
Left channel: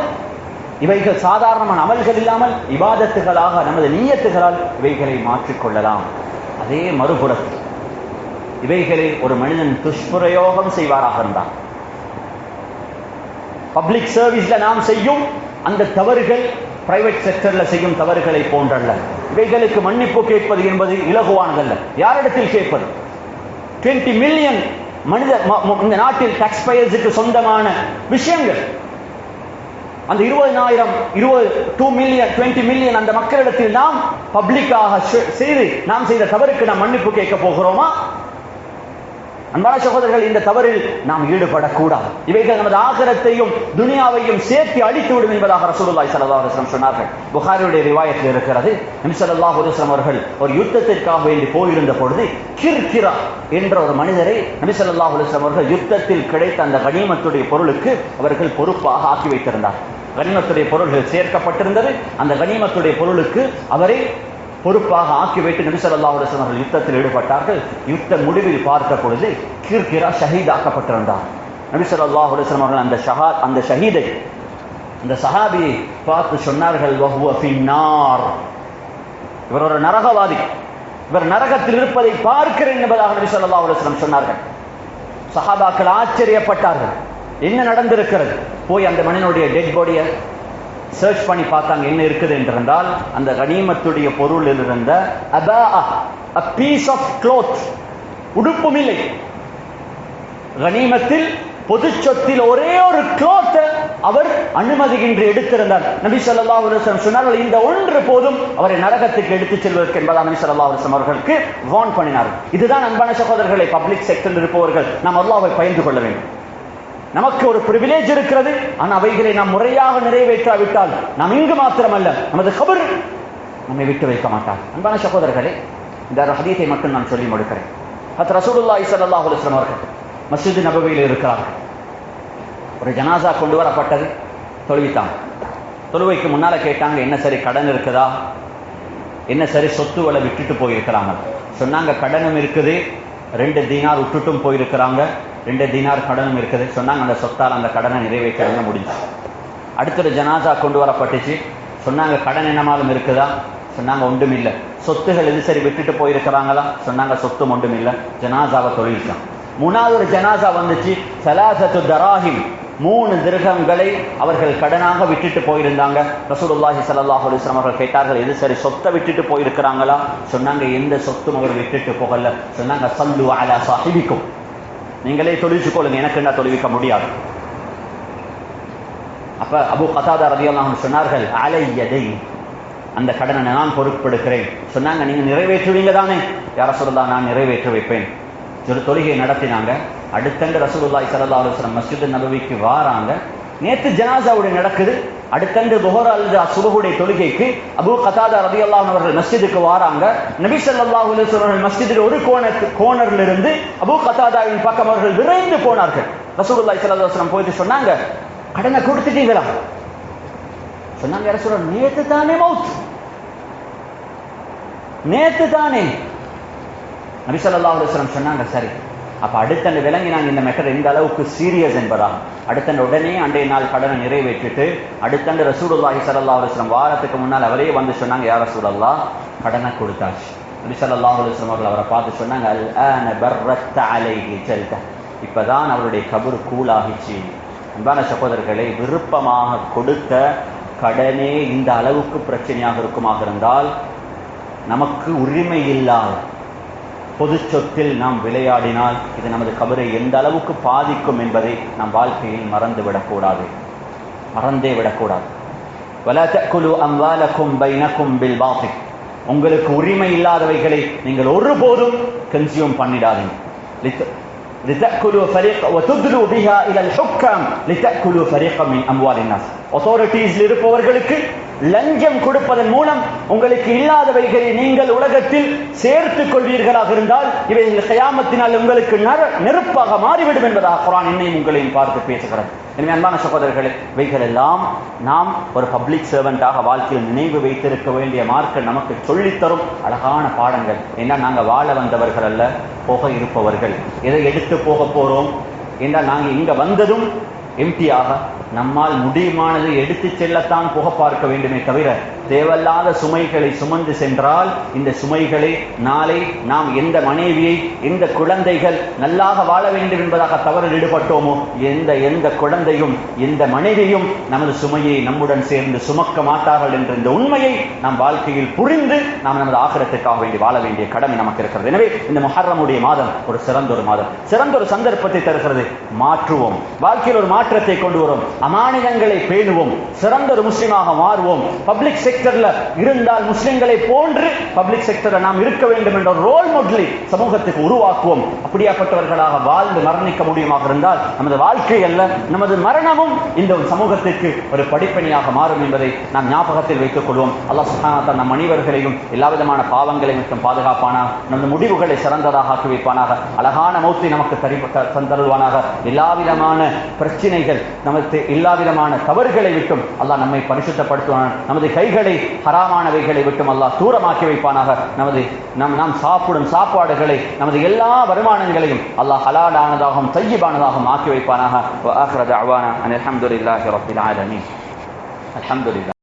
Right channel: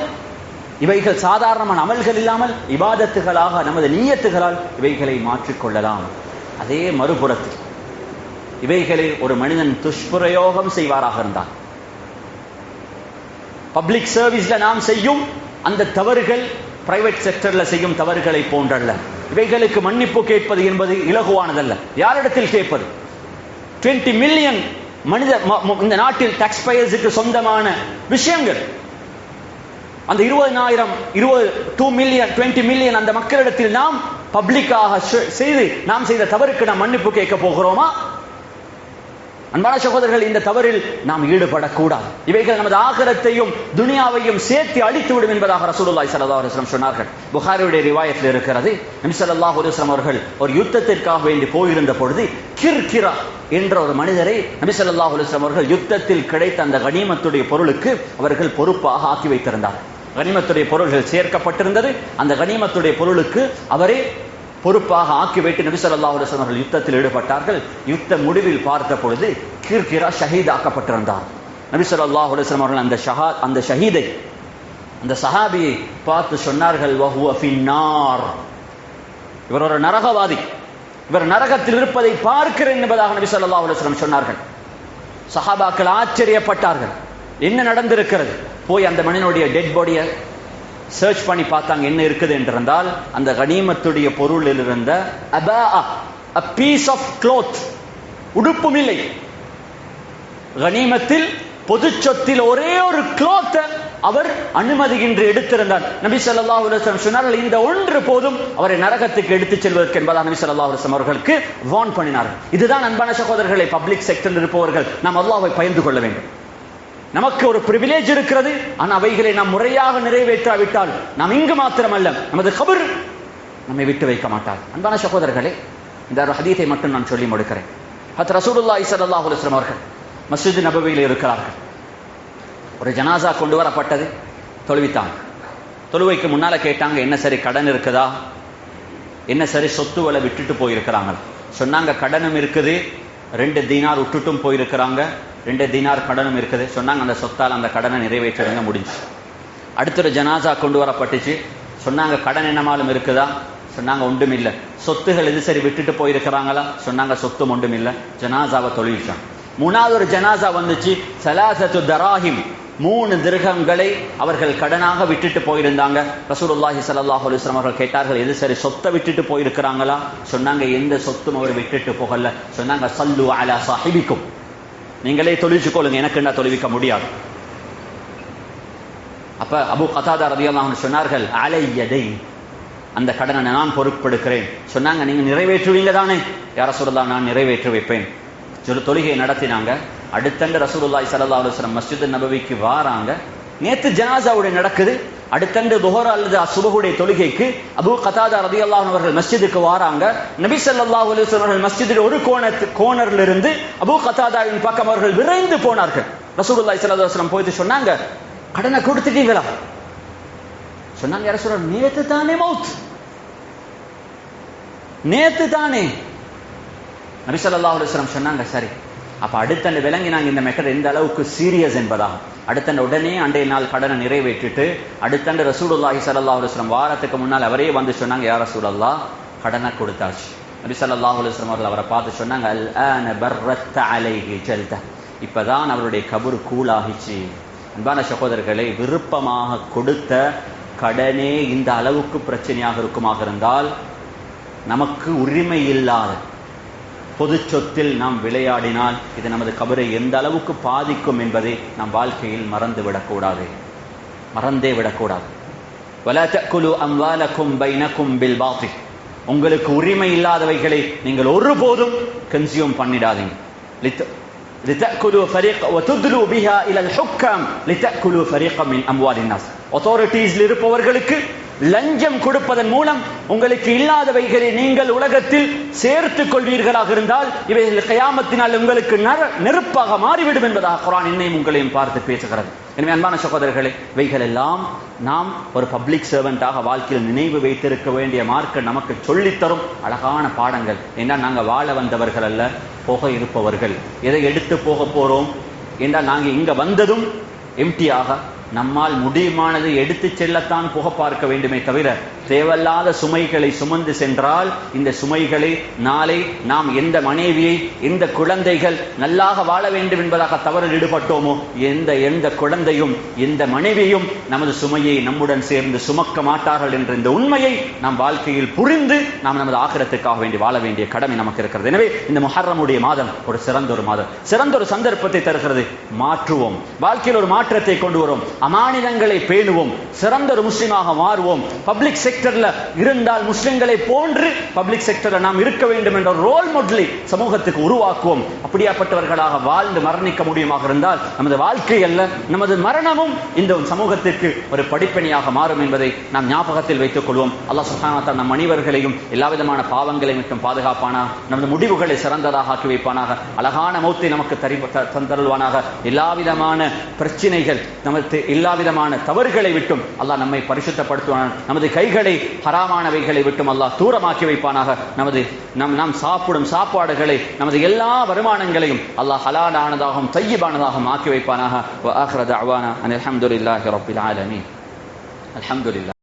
இவைகள் சாதாரணமான அமல்கள் இல்லாமல் இபாதத்துகளாக நமது நியத்துகளால் இவைகளை மாற்றிக்கொள்ளலாம். அதே மறுபுறத்தில் இவைகளை ஒரு மனிதன் துஷ்பிரயோகம் செய்வாராக இருந்தால், பப்ளிக் சர்வீஸ்ல நாம் செய்யும் அந்த தவறுகள் பிரைவேட் செக்டர்ல செய்யும் தவறுகளை போன்றல்ல. இவைகளுக்கு மன்னிப்பு கேட்பது என்பது இலகுவானதல்ல. யாரிடத்தில் கேட்பது? 20 மில்லியன் மனித இந்த நாட்டில் டாக்ஸ் பேயர்ஸுக்கு சொந்தமான விஷயங்கள். அந்த 20 மில்லியன் அந்த மக்களிடத்தில் நாம் பப்ளிக்காக செய்து நாம் செய்த தவறுக்கு நாம் மன்னிப்பு கேட்க போகிறோமா? அன்பான சகோதரர்கள், இந்த தவறில் நாம் ஈடுபடக்கூடாது. இவைகள் நமது ஆகிரத்தையும் துனியாவையும் சேர்த்து அடித்துவிடும் என்பதாக ரசூலுல்லாஹி ஸல்லல்லாஹு அலைஹி வஸல்லம் சொன்னார்கள். புகாரியுடைய ரிவாயத்தில் இருக்கிறது, நபி ஸல்லல்லாஹு அலைஹி வஸல்லம் அவர்கள் ஒரு யுத்தத்திற்காக வேண்டி போயிருந்த பொழுது கிர்கிரா என்ற ஒரு மனிதரை நபி ஸல்லல்லாஹு அலைஹி வஸல்லம் அவர்கள் யுத்தத்தில் கிடைத்த அந்த கனிமத்துடைய பொருளுக்கு அவர்கள் பொறுப்பாக ஆக்கி வைத்திருந்தார். கனிமத்துடைய பொருள்கள் சேர்க்கப்பட்டிருந்தது. அந்த கனிமத்துடைய பொருளுக்கு அவரை பொறுப்பாக ஆக்கி வைத்து நபி ஸல்லல்லாஹு அலைஹி வஸல்லம் அவர்கள் யுத்தத்தில் ஈடுபட்டார்கள். யுத்த முடிவில் பார்த்த பொழுது கிர்கிரா ஷஹீதாக்கப்பட்டிருந்தார். நபி ஸல்லல்லாஹு அலைஹி வஸல்லம் அவர்கள் அந்த ஷஹீதை, அந்த சஹாபியை பார்த்து சொன்னார்கள், வஹுவ ஃபின்னார், இவர் ஒரு நரகவாதி, இவர் நரகத்தில் இருப்பதை பார்க்கிறேன் என்பதாக நபி ஸல்லல்லாஹு அலைஹி வஸல்லம் சொன்னார்கள். சஹாபாக்கள் ஆச்சரியப்பட்டார்கள், என்ன நடந்திருக்கிறது? போய் அந்த மனிதனுடைய டெட் பாடியை சர்ச் பண்ணி பார்த்தாங்க. என்ன இருக்குது என்றிருந்தால், அந்த கனிமத்துடைய பொருளில் இருந்த a piece of cloth, உடுப்பும் இல்லை. கனிமத்தில் பொது சொத்தில் ஒரே ஒரு கிளாத் அவர் அனுமதியின்றி எடுத்திருந்தார். நபி ஸல்லல்லாஹு அலைஹி வஸல்லம் சொன்னார்கள், இந்த ஒன்று போதும் அவரை நரகத்துக்கு எடுத்துச் செல்வதற்கு என்பதாக நபி ஸல்லல்லாஹு அலைஹி வஸல்லம் அவர்களுக்கு வார்ன் பண்ணினார். இதுதான் அன்பான சகோதரர்களை, பப்ளிக் செக்டரில் இருப்பவர்கள் நாம் அல்லாஹ்வை பயந்து கொள்ள வேண்டும். நமக்கு ஒரு பிரிவிலேஜ் இருக்கிறது, ஆனால் அவைகளை நாம் முறையாக நிறைவேற்றாவிட்டால் நாம் இங்கு மாத்திரமல்ல, நமது கபர் நம்மை விட்டு வைக்க மாட்டார். அன்பான சகோதரர்களே, இந்த ஹதீஸை மட்டும் நான் சொல்லி முடிக்கிறேன். ரசூலுல்லாஹி ஸல்லல்லாஹு அலைஹி வஸல்லம் அவர்கள் மஸ்ஜித் நபவியில் இருக்கிறார்கள். ஒரு ஜனாசா கொண்டு வரப்பட்டது. தொழுவித்தாங்க. தொழுவைக்கு முன்னால கேட்டாங்க, என்ன சரி கடன் இருக்குதா, என்ன சரி சொத்துக்களை விட்டுட்டு போயிருக்கிறாங்க. சொன்னாங்க, கடனும் இருக்குது, 2 தீனார் விட்டுட்டும் போயிருக்கிறாங்க, 2 தீனார் கடனும் இருக்குது. சொன்னாங்க, அந்த சொத்தால் அந்த கடனை நிறைவேற்ற முடிஞ்சு. அடுத்த ஜனாசா கொண்டு வரப்பட்டுச்சு. சொன்னாங்க, கடன் என்னமாலும் இருக்குதா? சொன்னாங்க, ஒன்றும் இல்லை. சொத்துகள் எது சரி விட்டுட்டு போயிருக்கிறாங்களா? சொன்னாங்க, சொத்தும் ஒன்றும் இல்லை. ஜனாசாவை தொழில்ச்சான். 3வது ஒரு ஜனாசா வந்துச்சு. சலாசத்து தராஹிம், 3 திர்ஹம்களை அவர்கள் கடனாக விட்டுட்டு போயிருந்தாங்க. ரசூலுல்லாஹி ஸல்லல்லாஹு அலைஹி வஸல்லம் அவர்கள் கேட்டார்கள், எது சரி சொத்தை விட்டுட்டு போயிருக்கிறாங்களா? சொன்னாங்க, எந்த சொத்தும் அவர் விட்டுட்டு போகல. சொன்னாங்க, சல்லு அலா சாஹிபிக்கும், நீங்களே தொழிச்சு கொள்ளுங்க, எனக்கு என்ன தொழிவிக்க முடியாது. அப்ப அபூ கதாதா ரலியல்லாஹு அன்ஹு சொன்னார்கள், அலையதை, அந்த கடனை நான் பொறுப்பெடுக்கிறேன். சொன்னாங்க, நீங்க நிறைவேற்றுவீங்க தானே? யா ரசூலுல்லாஹ், நான் நிறைவேற்றி வைப்பேன். ஒரு தொழுகை நடத்தினாங்க. அடுத்தண்டு ரசூலுல்லாஹி ஸல்லல்லாஹு அலைஹி வஸல்லம் மஸ்ஜித் நபவிக்கு வாராங்க. நேற்று ஜனாசாவுடைய நடக்குது. அடுத்தண்டு துஹர் அல்லது சுபஹுடைய தொழுகைக்கு அபூ கதாதா ரலியல்லாஹு அன்ஹு அவர்கள் மஸ்ஜிதுக்கு வாராங்க. நபி ஸல்லல்லாஹு அலைஹி வஸல்லம் மஸ்ஜிதில் ஒரு கோணர்ல இருந்து அபூ கதாதாவின் பக்கம் அவர்கள் விரைந்து போனார்கள். ரசூலுல்லாஹி ஸல்லல்லாஹு அலைஹி வஸல்லம் போயிட்டு சொன்னாங்க, கடனை கொடுத்துட்டீங்களா? சொன்னாங்க, யா ரசூலல்லாஹ், நேத்து தானே மௌத், நேத்து தானே. நபி ஸல்லல்லாஹு அலைஹி வஸல்லம் சொன்னாங்க, சரி. அப்ப அடுத்தண்டு விளங்கினாங்க இந்த மேட்டர் எந்த அளவுக்கு சீரியஸ் என்பதாக. அடுத்தண்டு உடனே அன்றைய நாள் கடனை நிறைவேற்றிட்டு அடுத்தண்டு ரசூலுல்லாஹி ஸல்லல்லாஹு அலைஹி வஸல்லம் வாரத்துக்கு முன்னால் அவரே வந்து சொன்னாங்க, யா ரசூலல்லாஹ், கடனை கொடுத்தாச்சு. நபி ஸல்லல்லாஹு அலைஹி வஸல்லம் அவர்கள் அவரை பார்த்து சொன்னாங்க, அல்ஆன பர்ரத்த அலைஹி ஜல்த, இப்பதான் அவருடைய கபர் கூலாகிச்சு. அன்பான சகோதரர்களை, விருப்பமாக கொடுத்த கடனே இந்த அளவுக்கு பிரச்சனையாக இருக்குமாக இருந்தால், நமக்கு உரிமை இல்லாத பொது சொத்தில் நாம் விளையாடினால் இது நமது கபரை எந்த அளவுக்கு பாதிக்கும் என்பதை நாம் வாழ்க்கையில் மறந்தே விடக்கூடாது. வலா தஅகுலு அம்வாலக்கும் பைனக்கும் பில் பாத்தில், உங்களுக்கு உரிமை இல்லாதவைகளை நீங்கள் ஒருபோதும் கன்சியூம் பண்ணிடாதீங்க. لتأكلوا فريقا وتدلوا بها إلى الحكام لتأكلوا فريقا من أموال الناس. authorities இருப்பவர்களுக்கு லஞ்சம் கொடுப்பதன் மூலம் உங்களுக்கு இல்லாதவைகளை நீங்கள் உலகத்தில் சேர்த்துக் கொள்வீர்களாக இருந்தால் இவை கியாமத்தினால் உங்களுக்கு நெருப்பாக மாறிவிடும் என்பதாக குர்ஆன் என்னையும் உங்களையும் பார்த்து பேசுகிறது. எனவே அன்பான சகோதரர்களே, இவைகள் எல்லாம் நாம் ஒரு பப்ளிக் சர்வெண்டாக வாழ்க்கையில் நினைவு வைத்திருக்க வேண்டிய மார்க்க நமக்கு சொல்லித்தரும் அழகான பாடங்கள். ஏன்னா நாங்கள் வாழ வந்தவர்கள் அல்ல, போக இருப்பவர்கள். எதை எடுத்து போக போறோம் என்றால் நாங்கள் இங்க வந்ததும் எம்டியாக நம்மால் முடியுமானதை எடுத்து செல்லத்தான் போக பார்க்க வேண்டுமே தவிர தேவையில்லாத சுமைகளை சுமந்து சென்றால் இந்த சுமைகளை நாளை நாம் எந்த மனைவியை எந்த குழந்தைகள் நல்லாக வாழ வேண்டும் என்பதாக தவறில் ஈடுபட்டோமோ எந்த குழந்தையும் எந்த மனைவியும் நமது சுமையை நம்முடன் சேர்ந்து சுமக்க மாட்டார்கள் என்ற இந்த உண்மையை நாம் வாழ்க்கையில் புரிந்து நாம் நமது ஆகிரத்துக்காக வேண்டி வாழ வேண்டிய கடமை நமக்கு இருக்கிறது. எனவே இந்த முஹர்ரமுடைய மாதம் ஒரு சிறந்த மாதம், சிறந்த ஒரு சந்தர்ப்பத்தை தருகிறது. மாற்றுவோம், வாழ்க்கையில் ஒரு மாற்றத்தை கொண்டு வரும், அமானிதங்களை பேணுவோம், சிறந்த ஒரு முஸ்லிமாக மாறுவோம். பப்ளிக் செக்டர்ல இருந்தால் முஸ்லிம்களை போன்று பப்ளிக் செக்டர்ல நாம் இருக்க வேண்டும் என்ற ஒரு ரோல் மாடலை சமூகத்துக்கு உருவாக்குவோம். அப்படியாப்பட்டவர்களாக வாழ்ந்து மரணிக்க முடியுமாக இருந்தால் நமது வாழ்க்கை அல்ல, நமது மரணமும் இந்த சமூகத்திற்கு ஒரு படிப்பணியாக மாறும் என்பதை நாம் ஞாபகத்தில் வைத்துக் கொள்வோம். அல்லாஹ் சுப்ஹானஹு வ தஆலா நம் அனைவர்களையும் எல்லா விதமான பாவங்களை மற்றும் பாதுகாப்பானாக, நமது முடிவுகளை சிறந்ததாக ஆக்கி வைப்பானாக, அழகான மௌத்தை நமக்கு தந்தருள்வானாக. எல்லா விதமான பிரச்சனைகள் நமக்கு எல்லா விதமான தவறுகளை விட்டும் அல்லாஹ் நம்மை பரிசுத்தப்படுத்துவான். நமது கைகளை ஹராமானவைகளை விட்டும் அல்லாஹ் தூரமாக்கி வைப்பானாக. நாம் சாப்பிடும் சாப்பாடுகளை நமது எல்லா வருமானங்களையும் அல்லாஹ் ஹலாலானதாகவும் தய்யிபானதாகவும் ஆக்கி வைப்பானாக. வ ஆகிரு தஅவானா அனில் ஹம்துலில்லாஹி ரப்பில் ஆலமீன். அல்ஹம்துலில்லாஹ்.